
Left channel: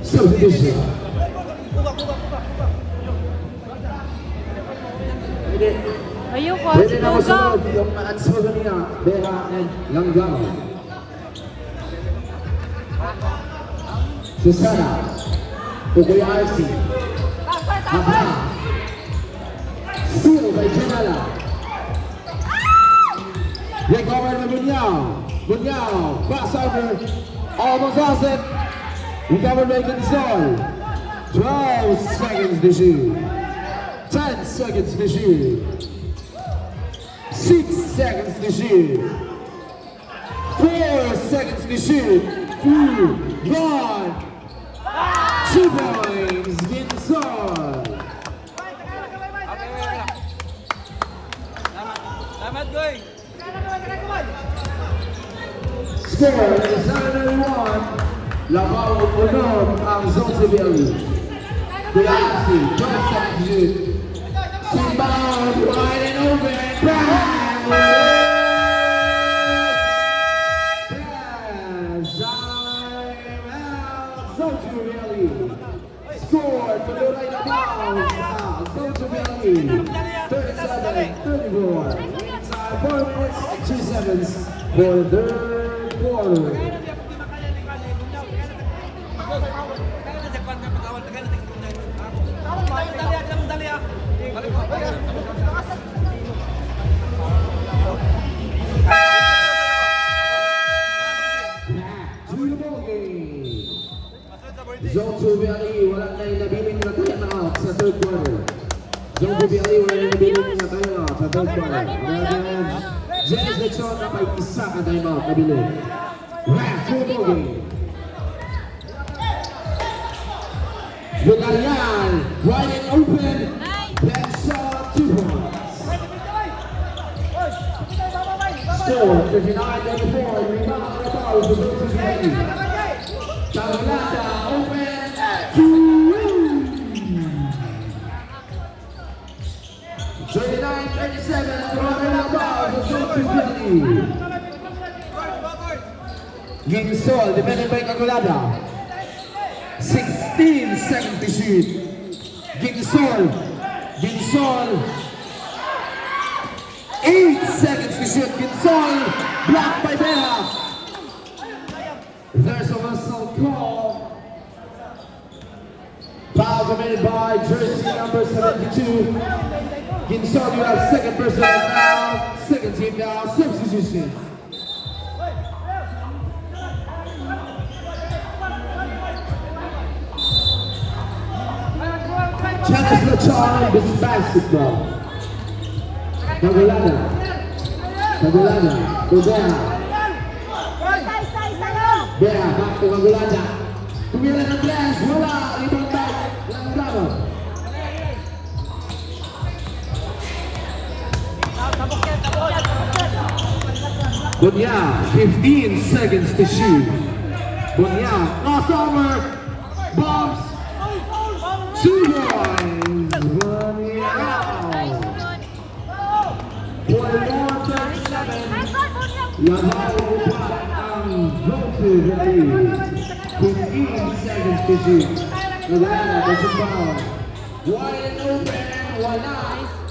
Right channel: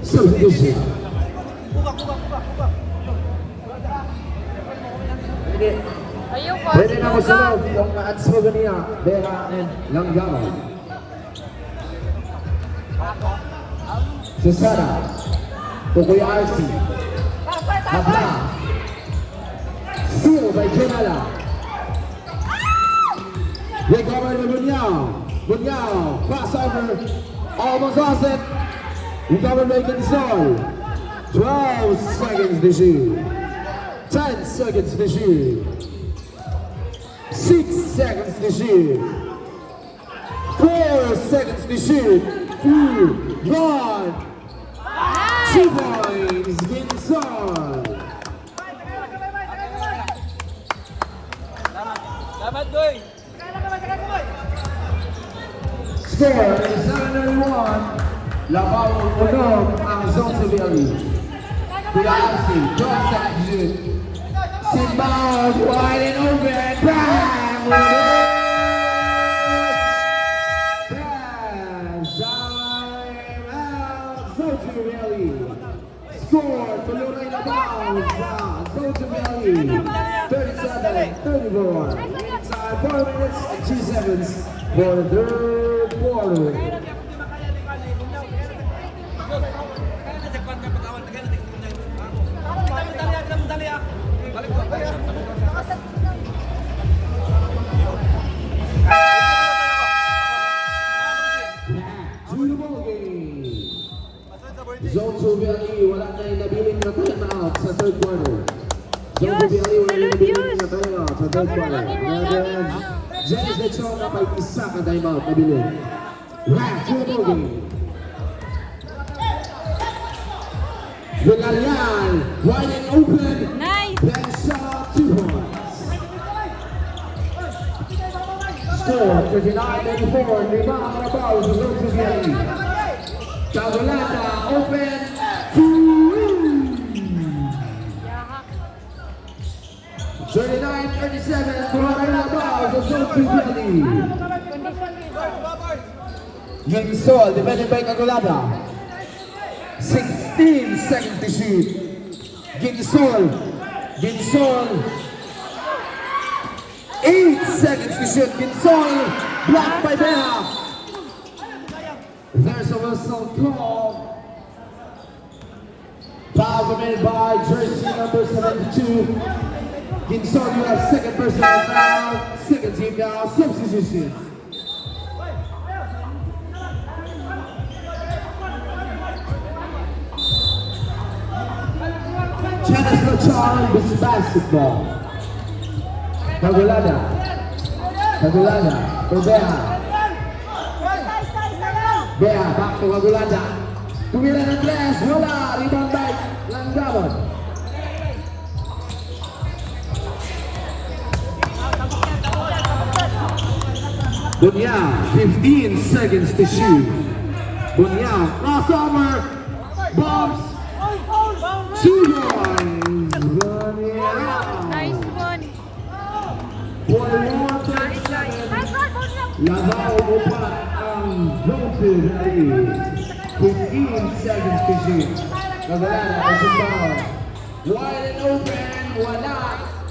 Substitution. Ayoko. Pwede na kasunod yung Answer niya, Vera and Langgam. Susana. Kukuya Arsi. Hapa. Steal by Jenala. Recovered by Bunyao. Crossover. Almost lost it. Recovered by Consol. 12 seconds to shoot. 10 seconds to shoot. 6 seconds to shoot. 4 seconds to shoot. 2, 1. 2 points. Ginsol. Salamat, Goy. Score is 9-1. Labao Unong ang zone si Bialy. Kuya Asi, 12 seconds to shoot. Simbao, wide and open. Bang! 2 seconds for the third quarter. Kaya na niya, kung di makaya ni Kwan, eh, bunyaw. Kaya na sa Kwan na pag-awal, kaya na sa bunyaw. Tawag, dali ah. Balik mo. Two ball game. Zone 2 Valley, wala na nabiling na timeout sa third quarter. Zone 2 Valley, wala na nabiling na timeout sa third quarter. Again, Jens Lechon na pa isa ka timeout nabiling. Right, two ball game. Villarreal, wide and open. Nice. Then shot 2 points. Score 39-4. Rebound by Carlos, Zone 2 Valley. Cavalada open to 39-37. Cavalada fouls, Zone 2 Valley. Ginsol, defended by Cavalada. 16 seconds to shoot. Ginsol. 8 seconds to shoot. Ginsol blocked by Bea. There's a whistle call. Foul committed by jersey number 72. Ginsol, you have second personal foul. Second team foul. Substitution. Chance for Charlie, this is basketball. Cavalada. Bea, back to Cavalada. Kumila ng blast, wala. Rebound back. Langgaro. Bunyao, 15 seconds to shoot. Bunyao, crossover. Bombs. 2 points. Bunyao. Nice one. 41-37. Labaw pa ang Zone 2 Valley. 15 seconds to shoot. Cavalada was involved. Wide open, wala.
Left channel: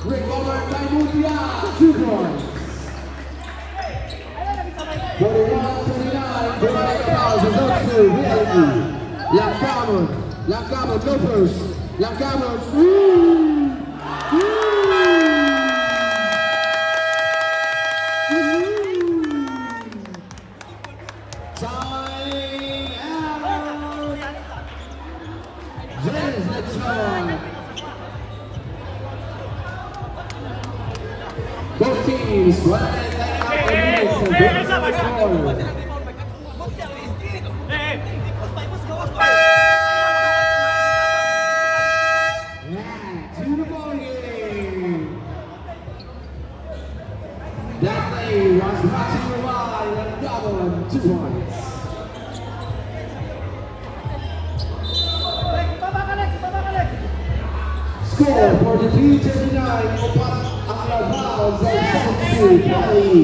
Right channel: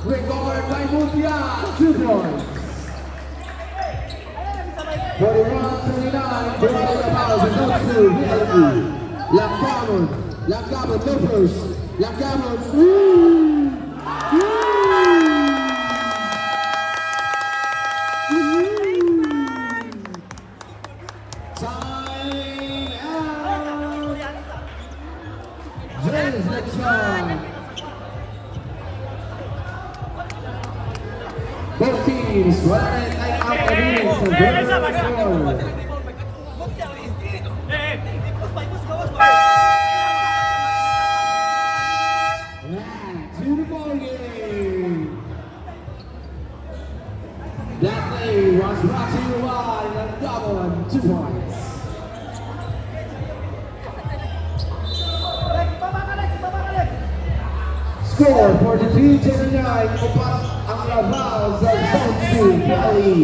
Record by Bunyao. 2 points. 41-29. Cavalada fouls in Zone 2 Valley. Langkamon, no first. Langkamon, Time out. Jens Lechon. Both teams running to the ball game. That play was brought to you by Langkamon, 2 points. Score for the 3-29 Abraham Zone 2 Valley.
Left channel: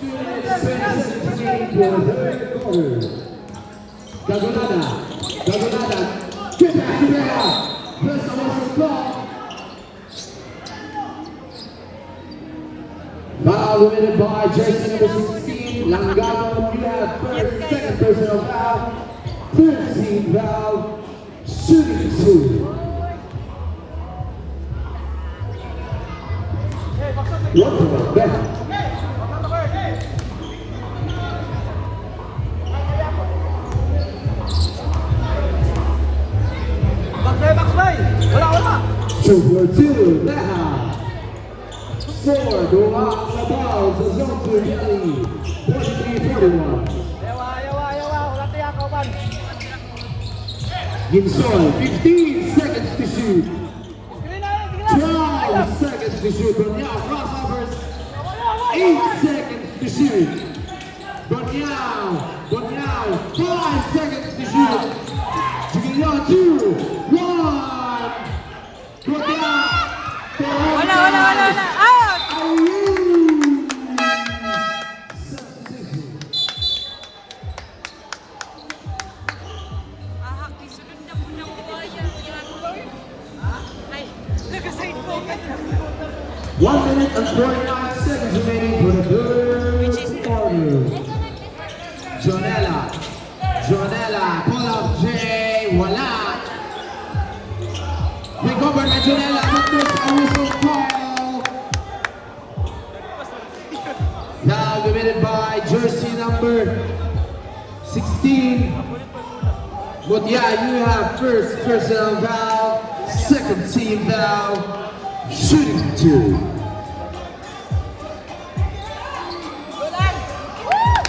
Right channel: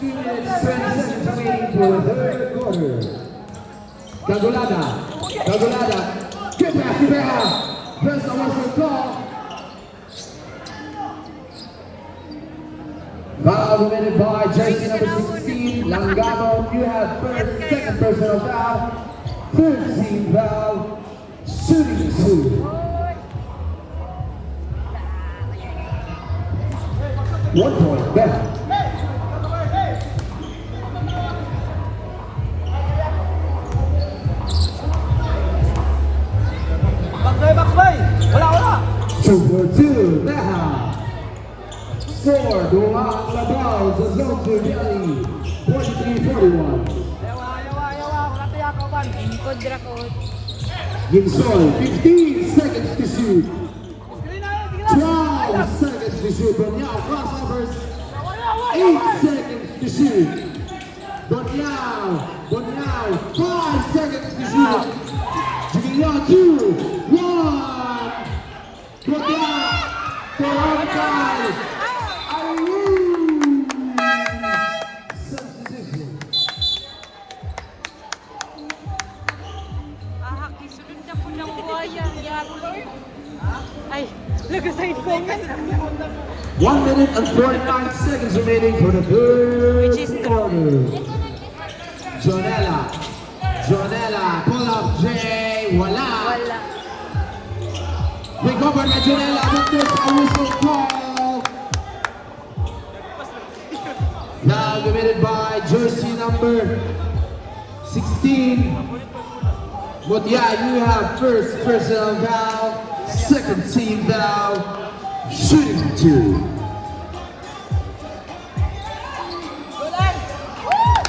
2:17 for the third quarter. Cavalada, get back to Bea. Press the whistle call. Foul committed by jersey number 16, Langkamon. You have second personal foul. Third team foul. Shooting 2. One point back. Wala. 2-2 now. Score Bunyao sa fouls, Zone 2 Valley. 43-41. Yawa. Wala tayo kauban. Ginsol, 15 seconds to shoot. 12 seconds to shoot. Bunyao crossovers. 8 seconds to shoot. Bunyao. 5 seconds to shoot. Bunyao 2, 1. Bunyao. Wala. Out. Substitution. Ahak, isunod na po na ko kayo. Ay, nag-side comment. 1 minute and 49 seconds. seconds remaining for the third quarter. Jonella, pull up Jay, wala. Recovered by Jonella, but there's a whistle call. Now committed by jersey number 16. But yeah, you have first personal foul, second team foul, shooting 2.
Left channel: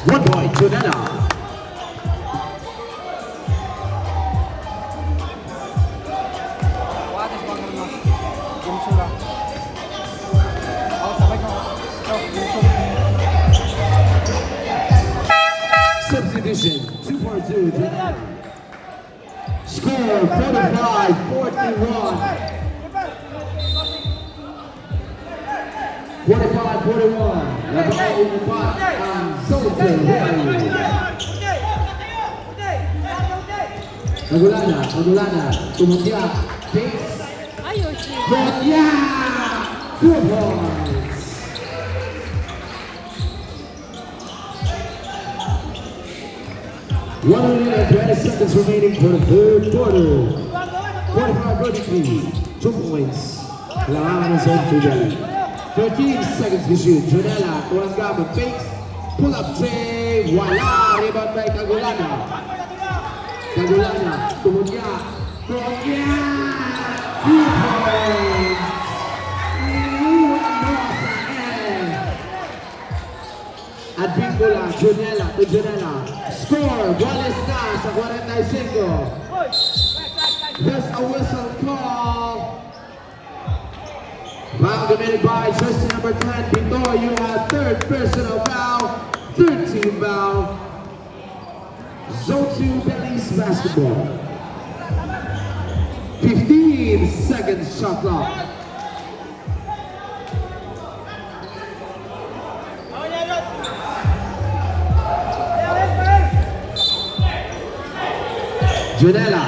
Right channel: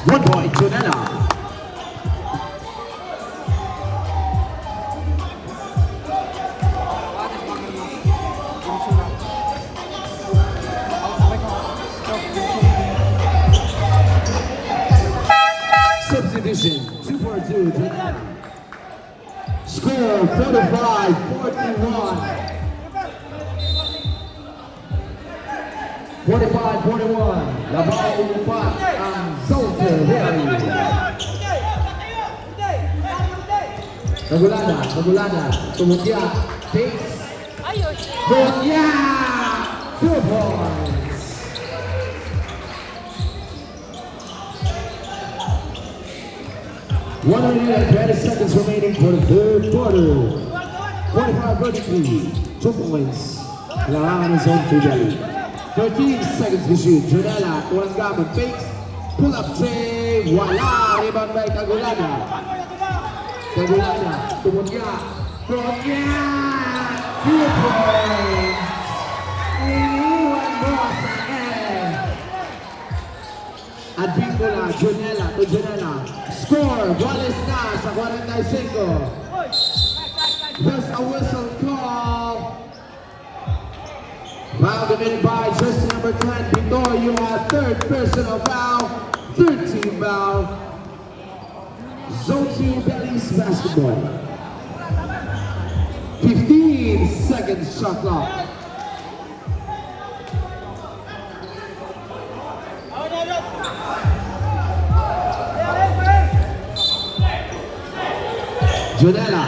One point, Jonella. Substitution, 2-4-2, Jonella. Score 45-41. 45-41. Laban ang Zoltan Rally. Pagulana, tumugya, takes, tumugya, 2 points. One minute and 20 seconds remaining for the third quarter. 45-33, 2 points. Kailangan ng Zoltan Rally. 13 seconds to shoot. Jonella, tuwang gamit, fakes, pull up tray, wala, rebound by Kagulana, tumugya, 2 points. Advíncula, Jonella, score, Wallace na sa 45. There's a whistle call. Foul committed by jersey number 10, Pito. You have third personal foul, third team foul. Zone 2 Belize basketball. 15 seconds shot clock. Jonella.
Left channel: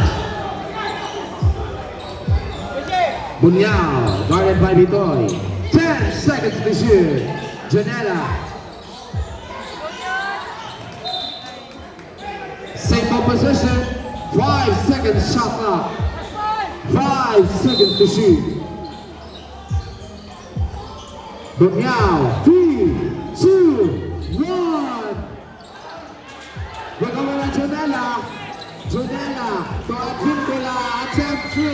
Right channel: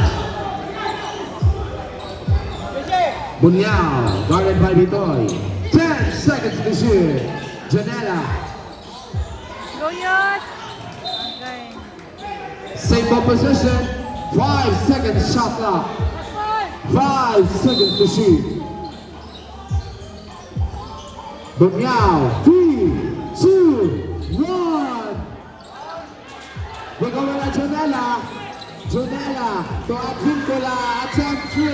Bunyao, guarded by Bitoy. 10 seconds to shoot. Jonella. Same ball position. 5 seconds shot clock. 5 seconds to shoot. Bunyao. 3, 2, 1. Recover by Jonella. To Advíncula, attempt 3,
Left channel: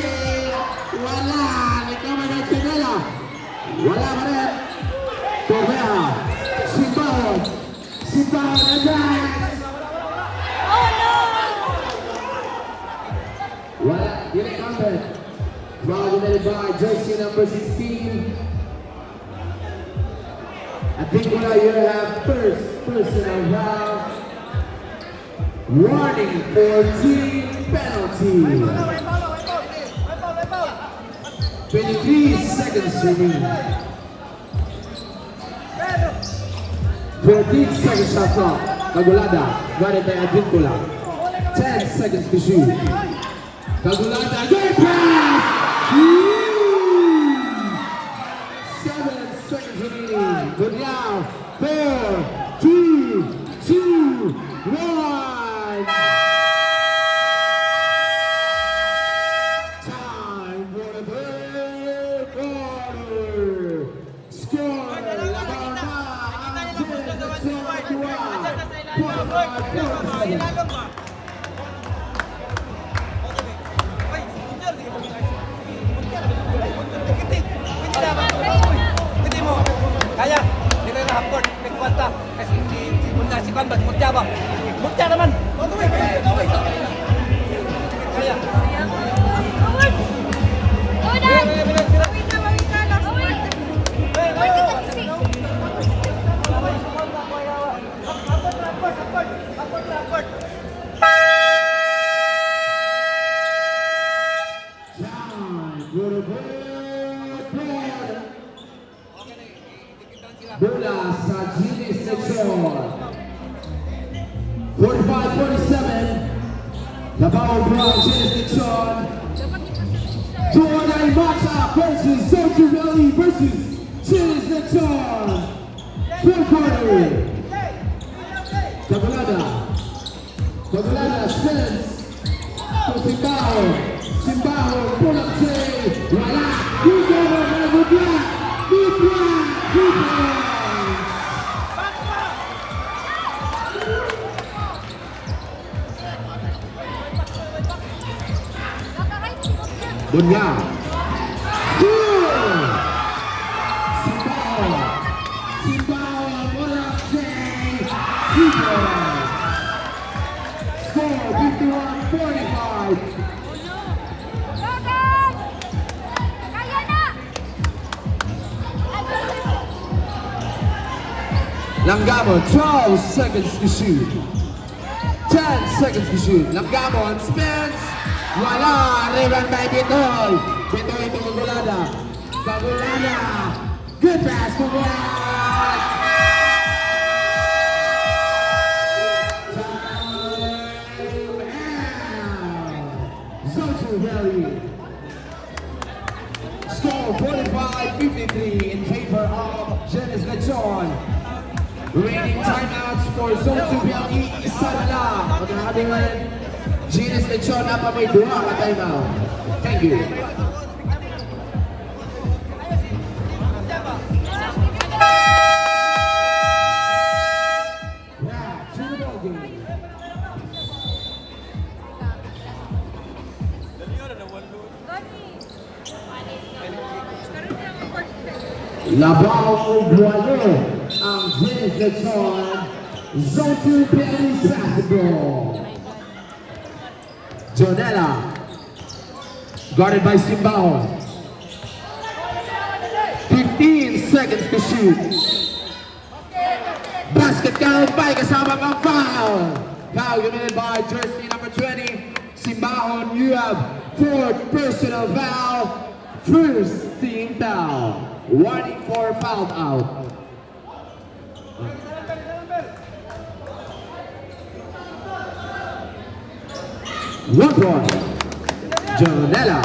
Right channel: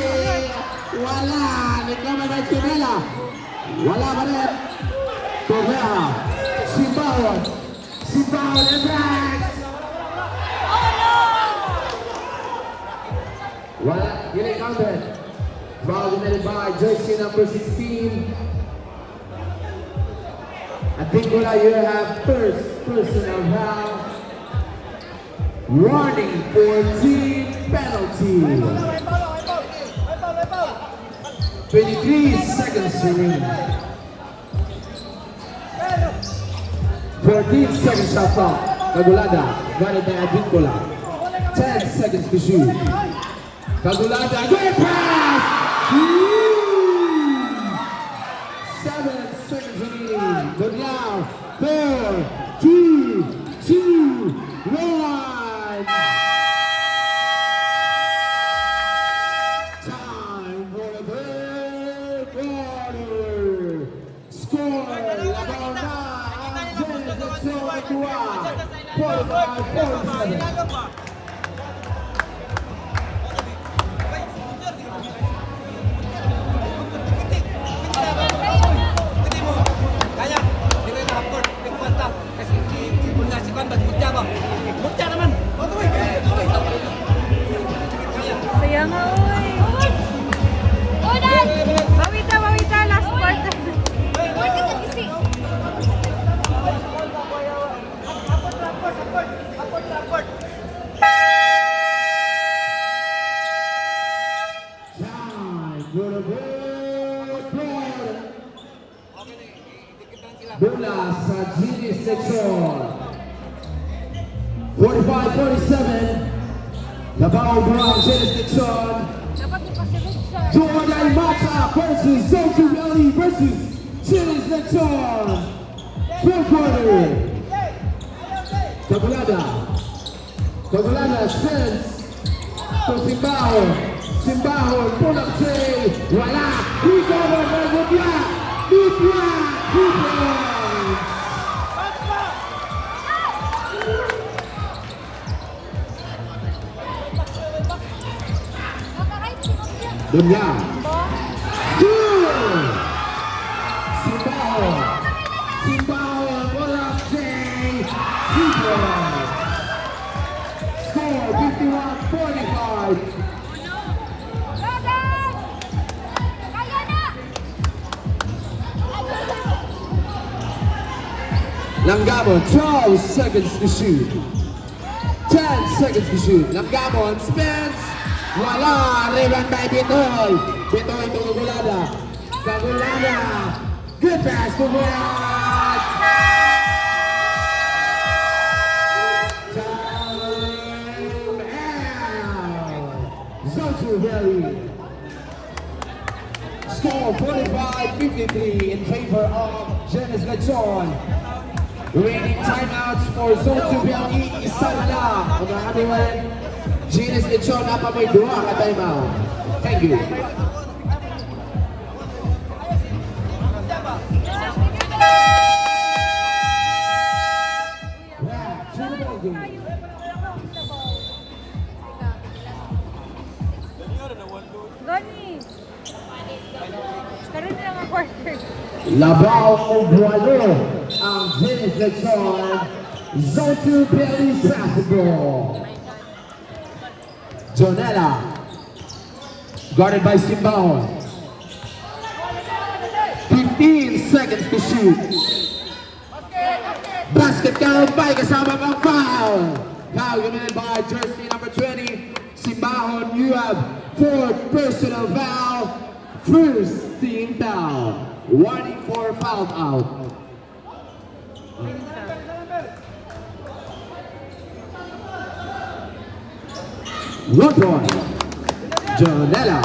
wala, recover by Jonella, wala pa rin, Torreja, sit down and dance, wala, getting counted, foul committed by jersey number 16, Advíncula, you have first personal foul. Warning for your team penalty. 23 seconds remaining. 14 seconds shot clock. Kagulada, guarded by Advíncula. 10 seconds to shoot. Kagulada, good pass! 7 seconds remaining. Good now. 4, 3, 2, 1. Time for the third quarter. Score, Labarna, Kaya, hindi na hapon, nagkwanta. Kasi si Punta, si Kwan, mutya ba? Mutya naman! Kaya. Kaya nga. Mawita, last part. Hapon. Bola sa Genius section. 45-47. Labaw Brown Genius section. Dapat ipasabog siya. Jordan Mata versus Zoltan Rally versus Genius section. Fourth quarter. Tabulada. Tabulada sends to Simbaho. Simbaho, pull up tray. Wala. Good over, good block. Good block. Good block. Dunya. Good. Simbaho. Simbaho, pull up tray. Good block. Score 51-45. Langamo, 12 seconds to shoot. 10 seconds to shoot. Langamo spins. Wala. Rebound by Bitoy. Bitoy to Kagulada. Kagulada. Good pass to Bulat. Zonto Valley. Score 45-53 in favor of Janice Lechon. Remaining timeouts for Zonto Valley, isa na lang. Magkakabiwan, Janice Lechon na pa may 2 ka timeout. Thank you. Back to the ball game. Gani. Karoon na mga quarter. Labao Bualo ang Janice Lechon. Zonto Valley basketball. Jonella. Guarded by Simbaon. 15 seconds to shoot. Basket count by kasama pang foul. Foul committed by jersey number 20. Simbaon, you have 4 personal foul. First team foul. Warning for foul out. One point. Jonella.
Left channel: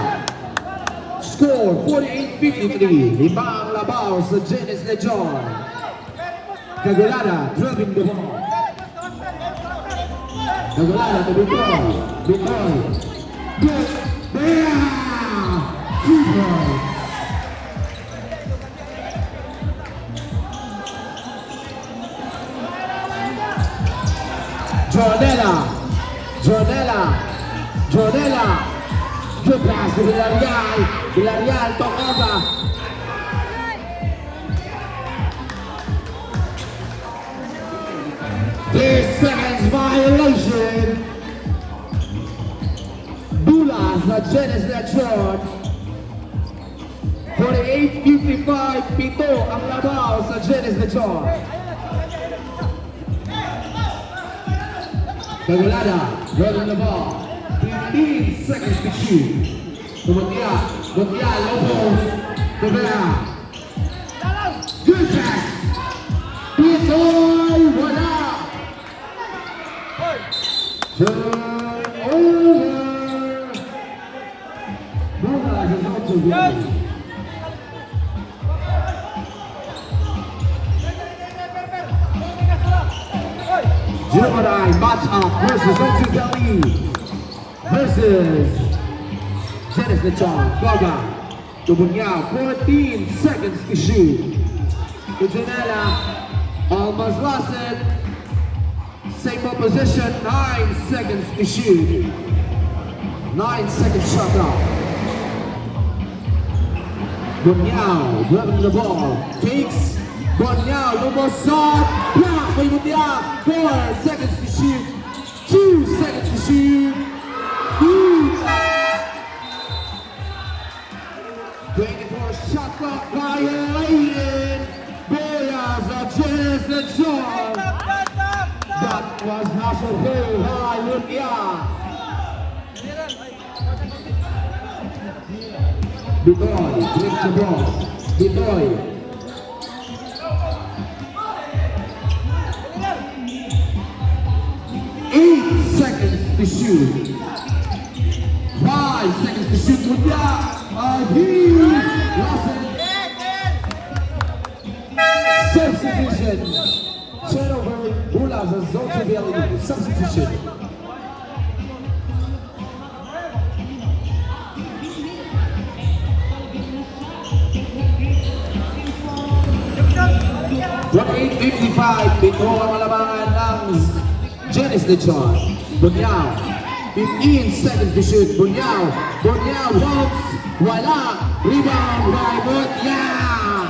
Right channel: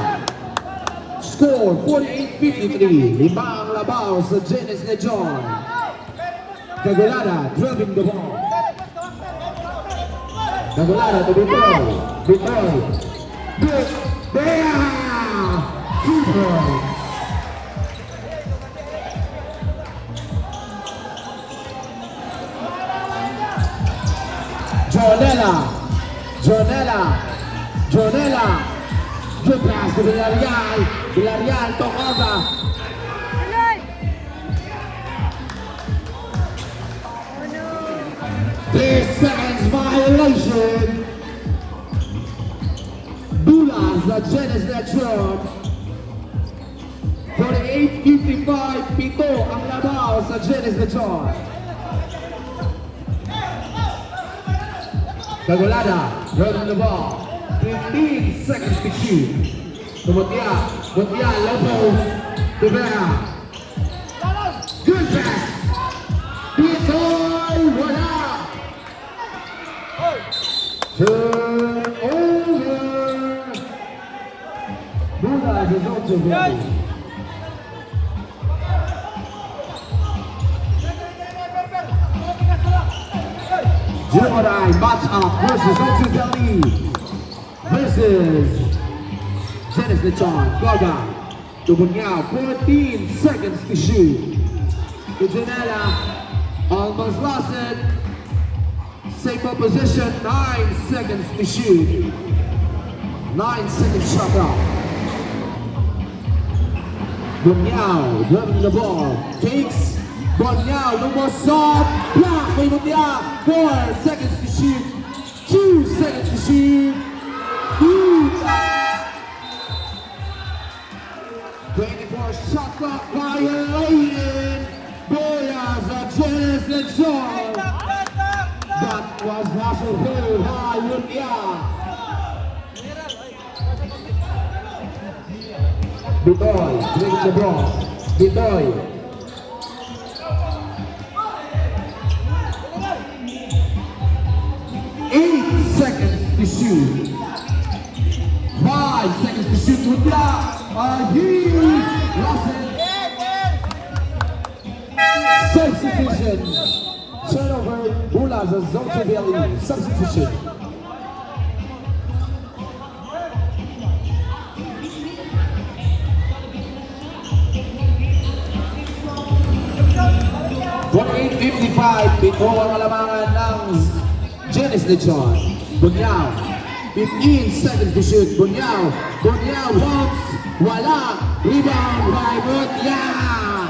Score 48-53. Limang Labao sa Janice Lechon. Kagulada driving the ball. Kagulada to Bitoy. Bitoy. Good. Down. 2 points. Jonella. Jonella. Jonella. Good pass to Villarreal. Villarreal to Ova. Seconds violation. Bulas na Janice Lechon. 48-55. Pito ang Labao sa Janice Lechon. Kagulada, right on the ball. 15 seconds to shoot. Lumutya, Lopez, Tabela. Good pass. Bitoy, wala. Turn over. Bulas is on to run. Jumodai match up versus Zonto Valley versus Janice Lechon. Goga to Bunyao, 14 seconds to shoot. To Jonella, almost lost it. Same position, 9 seconds to shoot. 9 seconds shot clock. Bunyao grabbing the ball, takes. Bunyao, lumusot, block by Bunyao. 4 seconds to shoot. 2 seconds to shoot. 24 shot clock violated. Boyas of Janice Lechon. That was hustled through by Bunyao. Bitoy takes the ball. Bitoy. To shoot. 5 seconds to shoot. Substitution. Legends. Turnover, Bulas and Zone 2 Valley. Substitution. From 8:55, pito ang alamangan ng Genes Lechon. Bunyao, 15 seconds to shoot. Bunyao, bounce, wala, rebound by Bunyao.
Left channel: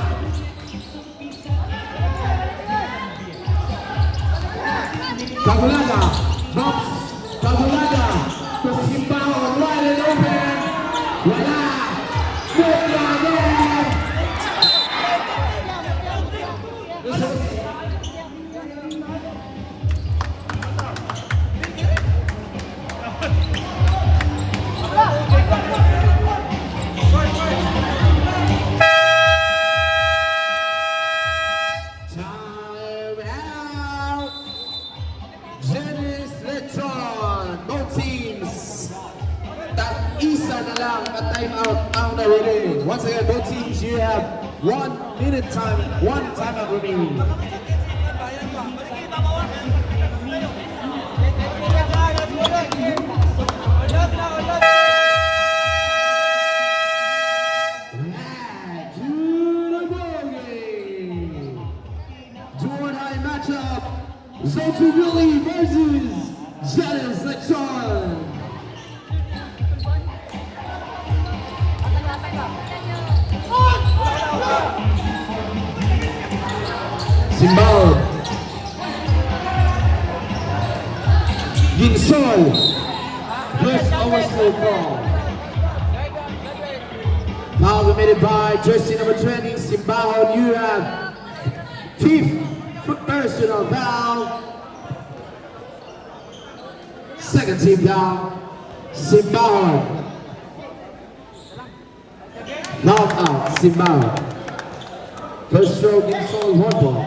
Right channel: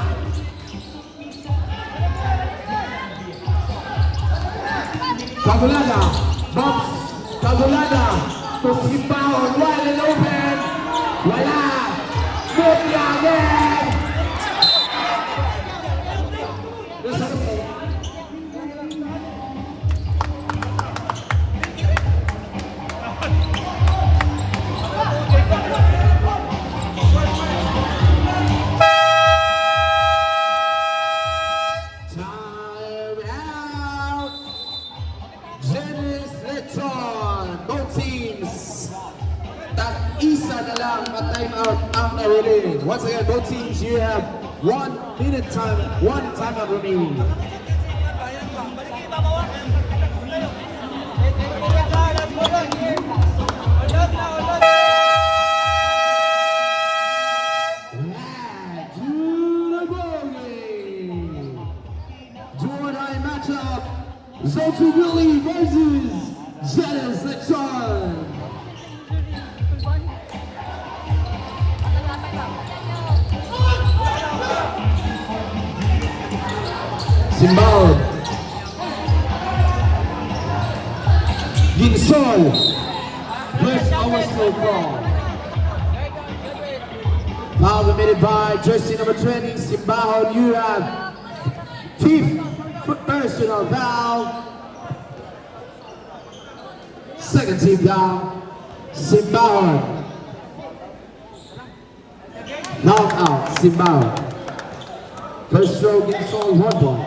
Kagulada, bounce, Kagulada, Kusipaw, wide open, wala, Bunyao. Time out! Genes Lechon, both teams. Isa na lang at time out ang na-release. Once again, both teams, you have 1 minute time, 1 timeout remaining. Matchup, Zoltu Willie versus Genes Lechon. Simbao, Ginsol, first overthrow call. Foul committed by jersey number 20, Simbao. You have 5th personal foul. Second team down, Simbao. Knock out, Simbao. First throw, Ginsol, 1 ball.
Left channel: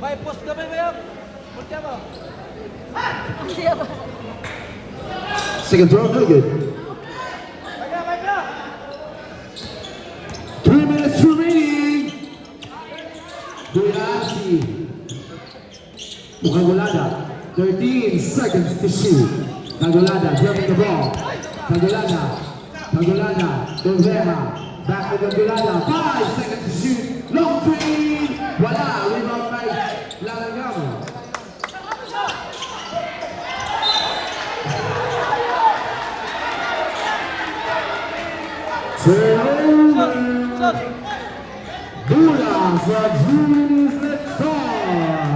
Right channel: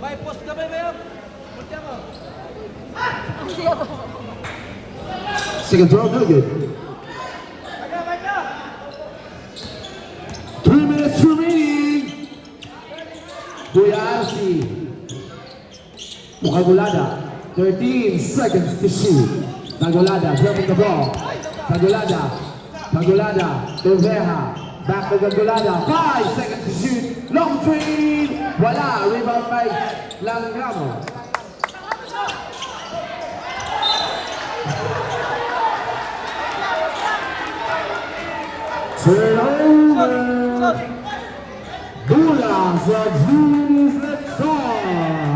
May post ka ba yun? Punta mo. Second throw, no good. 3 minutes remaining. Buyasi. Kagulada, 13 seconds to shoot. Kagulada, grabbing the ball. Kagulada, Torreja, back to Kagulada, 5 seconds to shoot. Long three, wala, rebound by Langramo. Turnover. Bulas of Genes Lechon.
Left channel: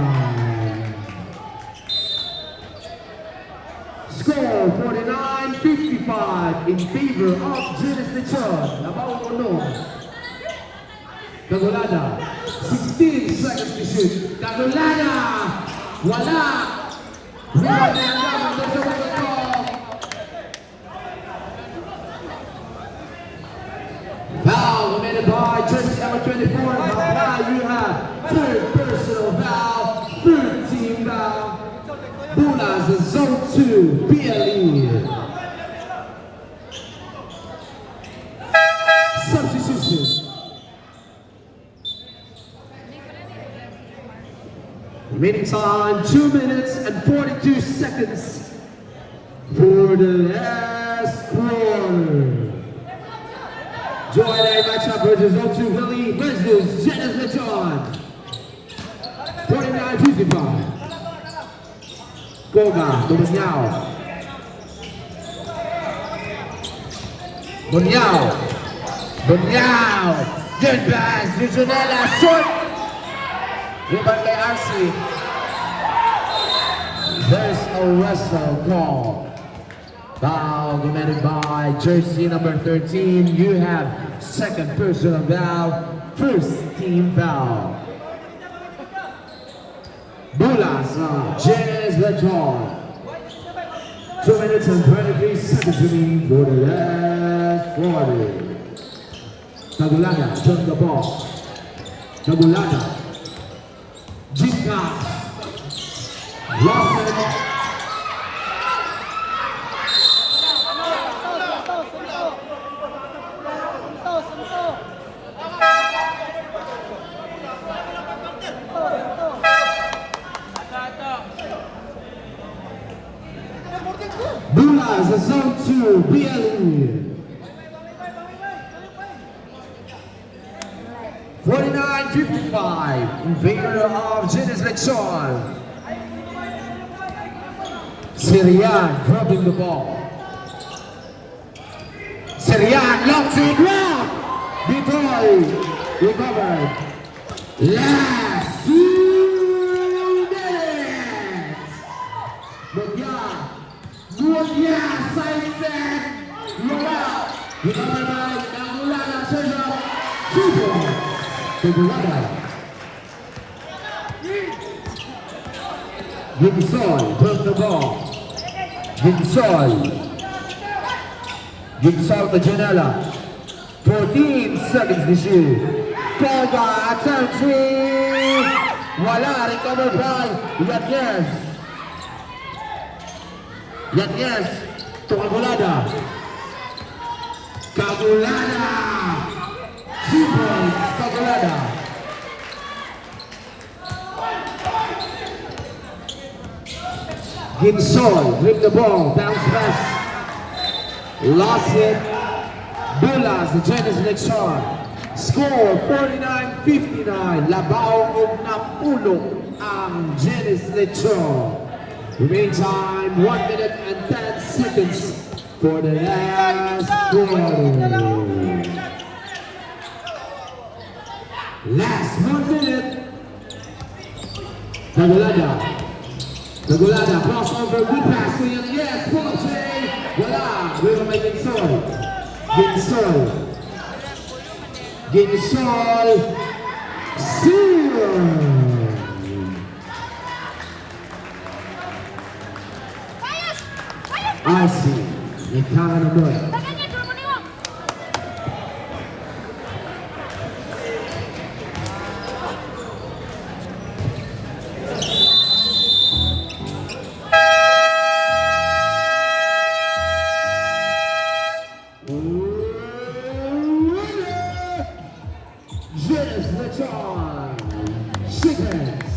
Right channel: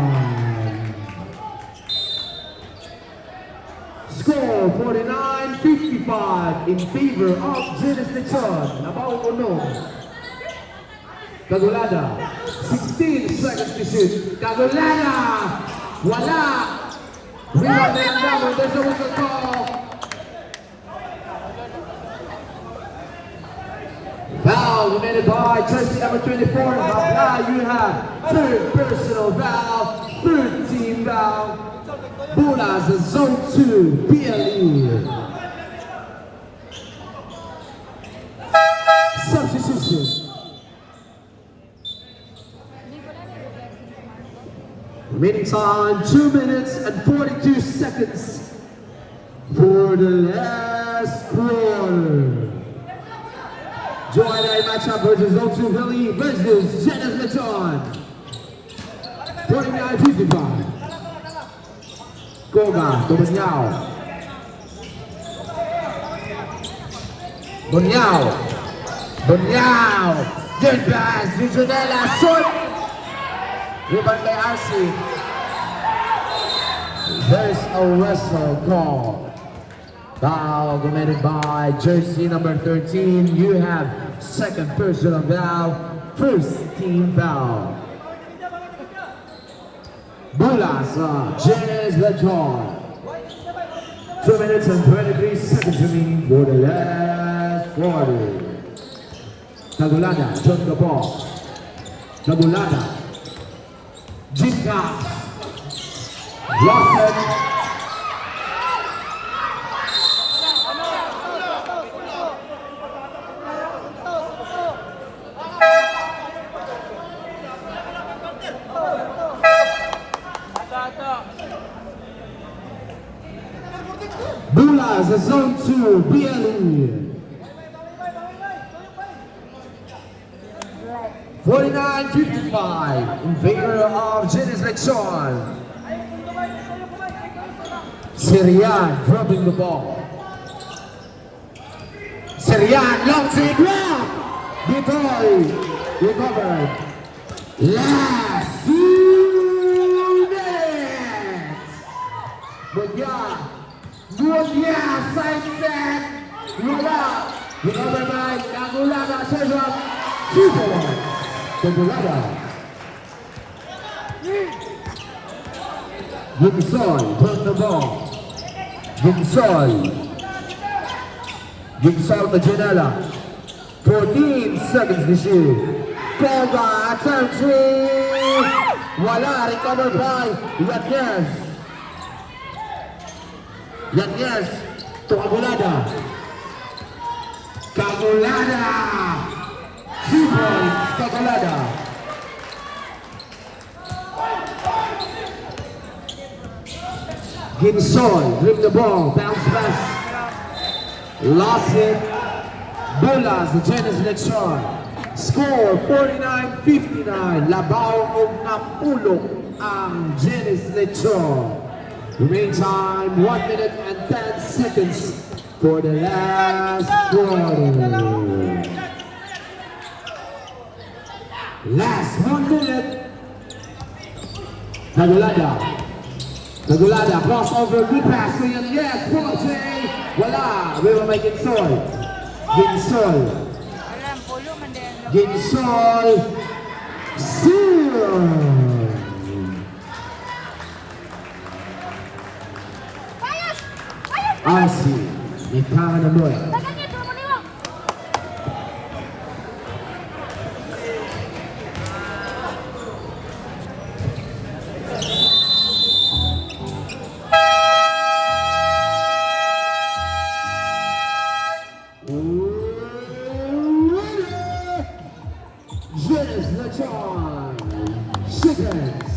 Score 49-55 in favor of Genes Lechon. Nabaw mo no. Kagulada, 16 seconds to shoot. Kagulada, wala. Rebound by Langramo. There's a record call. Foul committed by jersey number 24. Now you have 3rd personal foul, 3rd team foul. Bulas in zone 2, PLE. Substitution. Remaining time 2 minutes and 42 seconds for the last quarter. Join a matchup versus Zone 2 Valley versus Genes Lechon. 49-55. Goga to Bunyao. Good pass to Junela. Short. Rebound by RC. There's a wrestle call. Foul committed by jersey number 13. You have 2nd personal foul, 1st team foul. Bulas on Genes Lechon. 2 minutes and 23 seconds remaining for the last quarter. Kagulada, jump the ball. Kagulada. Jika. Johnson. Bulas, zone 2, BLE. 49-55 in favor of Genes Lechon. Sirian dropping the ball. Sirian, long three block. Detroit recovered. Last 2 minutes. Mulia, side set. Mula. Recovered by Nagulada Silva. Super. Gigsol, turn the ball. Gigsol to Janela. 14 seconds to shoot. Koga, turn three. Wala, recovered by Yanyez. Yanyez to Agulada. Agulada. Super, Agulada. Ginsol, dribble the ball, bounce pass. Lost it. Bulas, the Genes Lechon. Score 49-59. Labao og napulok ang Genes Lechon. Remain time 1 minute and 10 seconds for the last quarter. Last 1 minute. Nagulada, crossover, good pass to Yes, pull up, Jay. Wala, will make it Ginsol. Seal. Aussie, ikaw na mo. Genes Lechon, Chickens.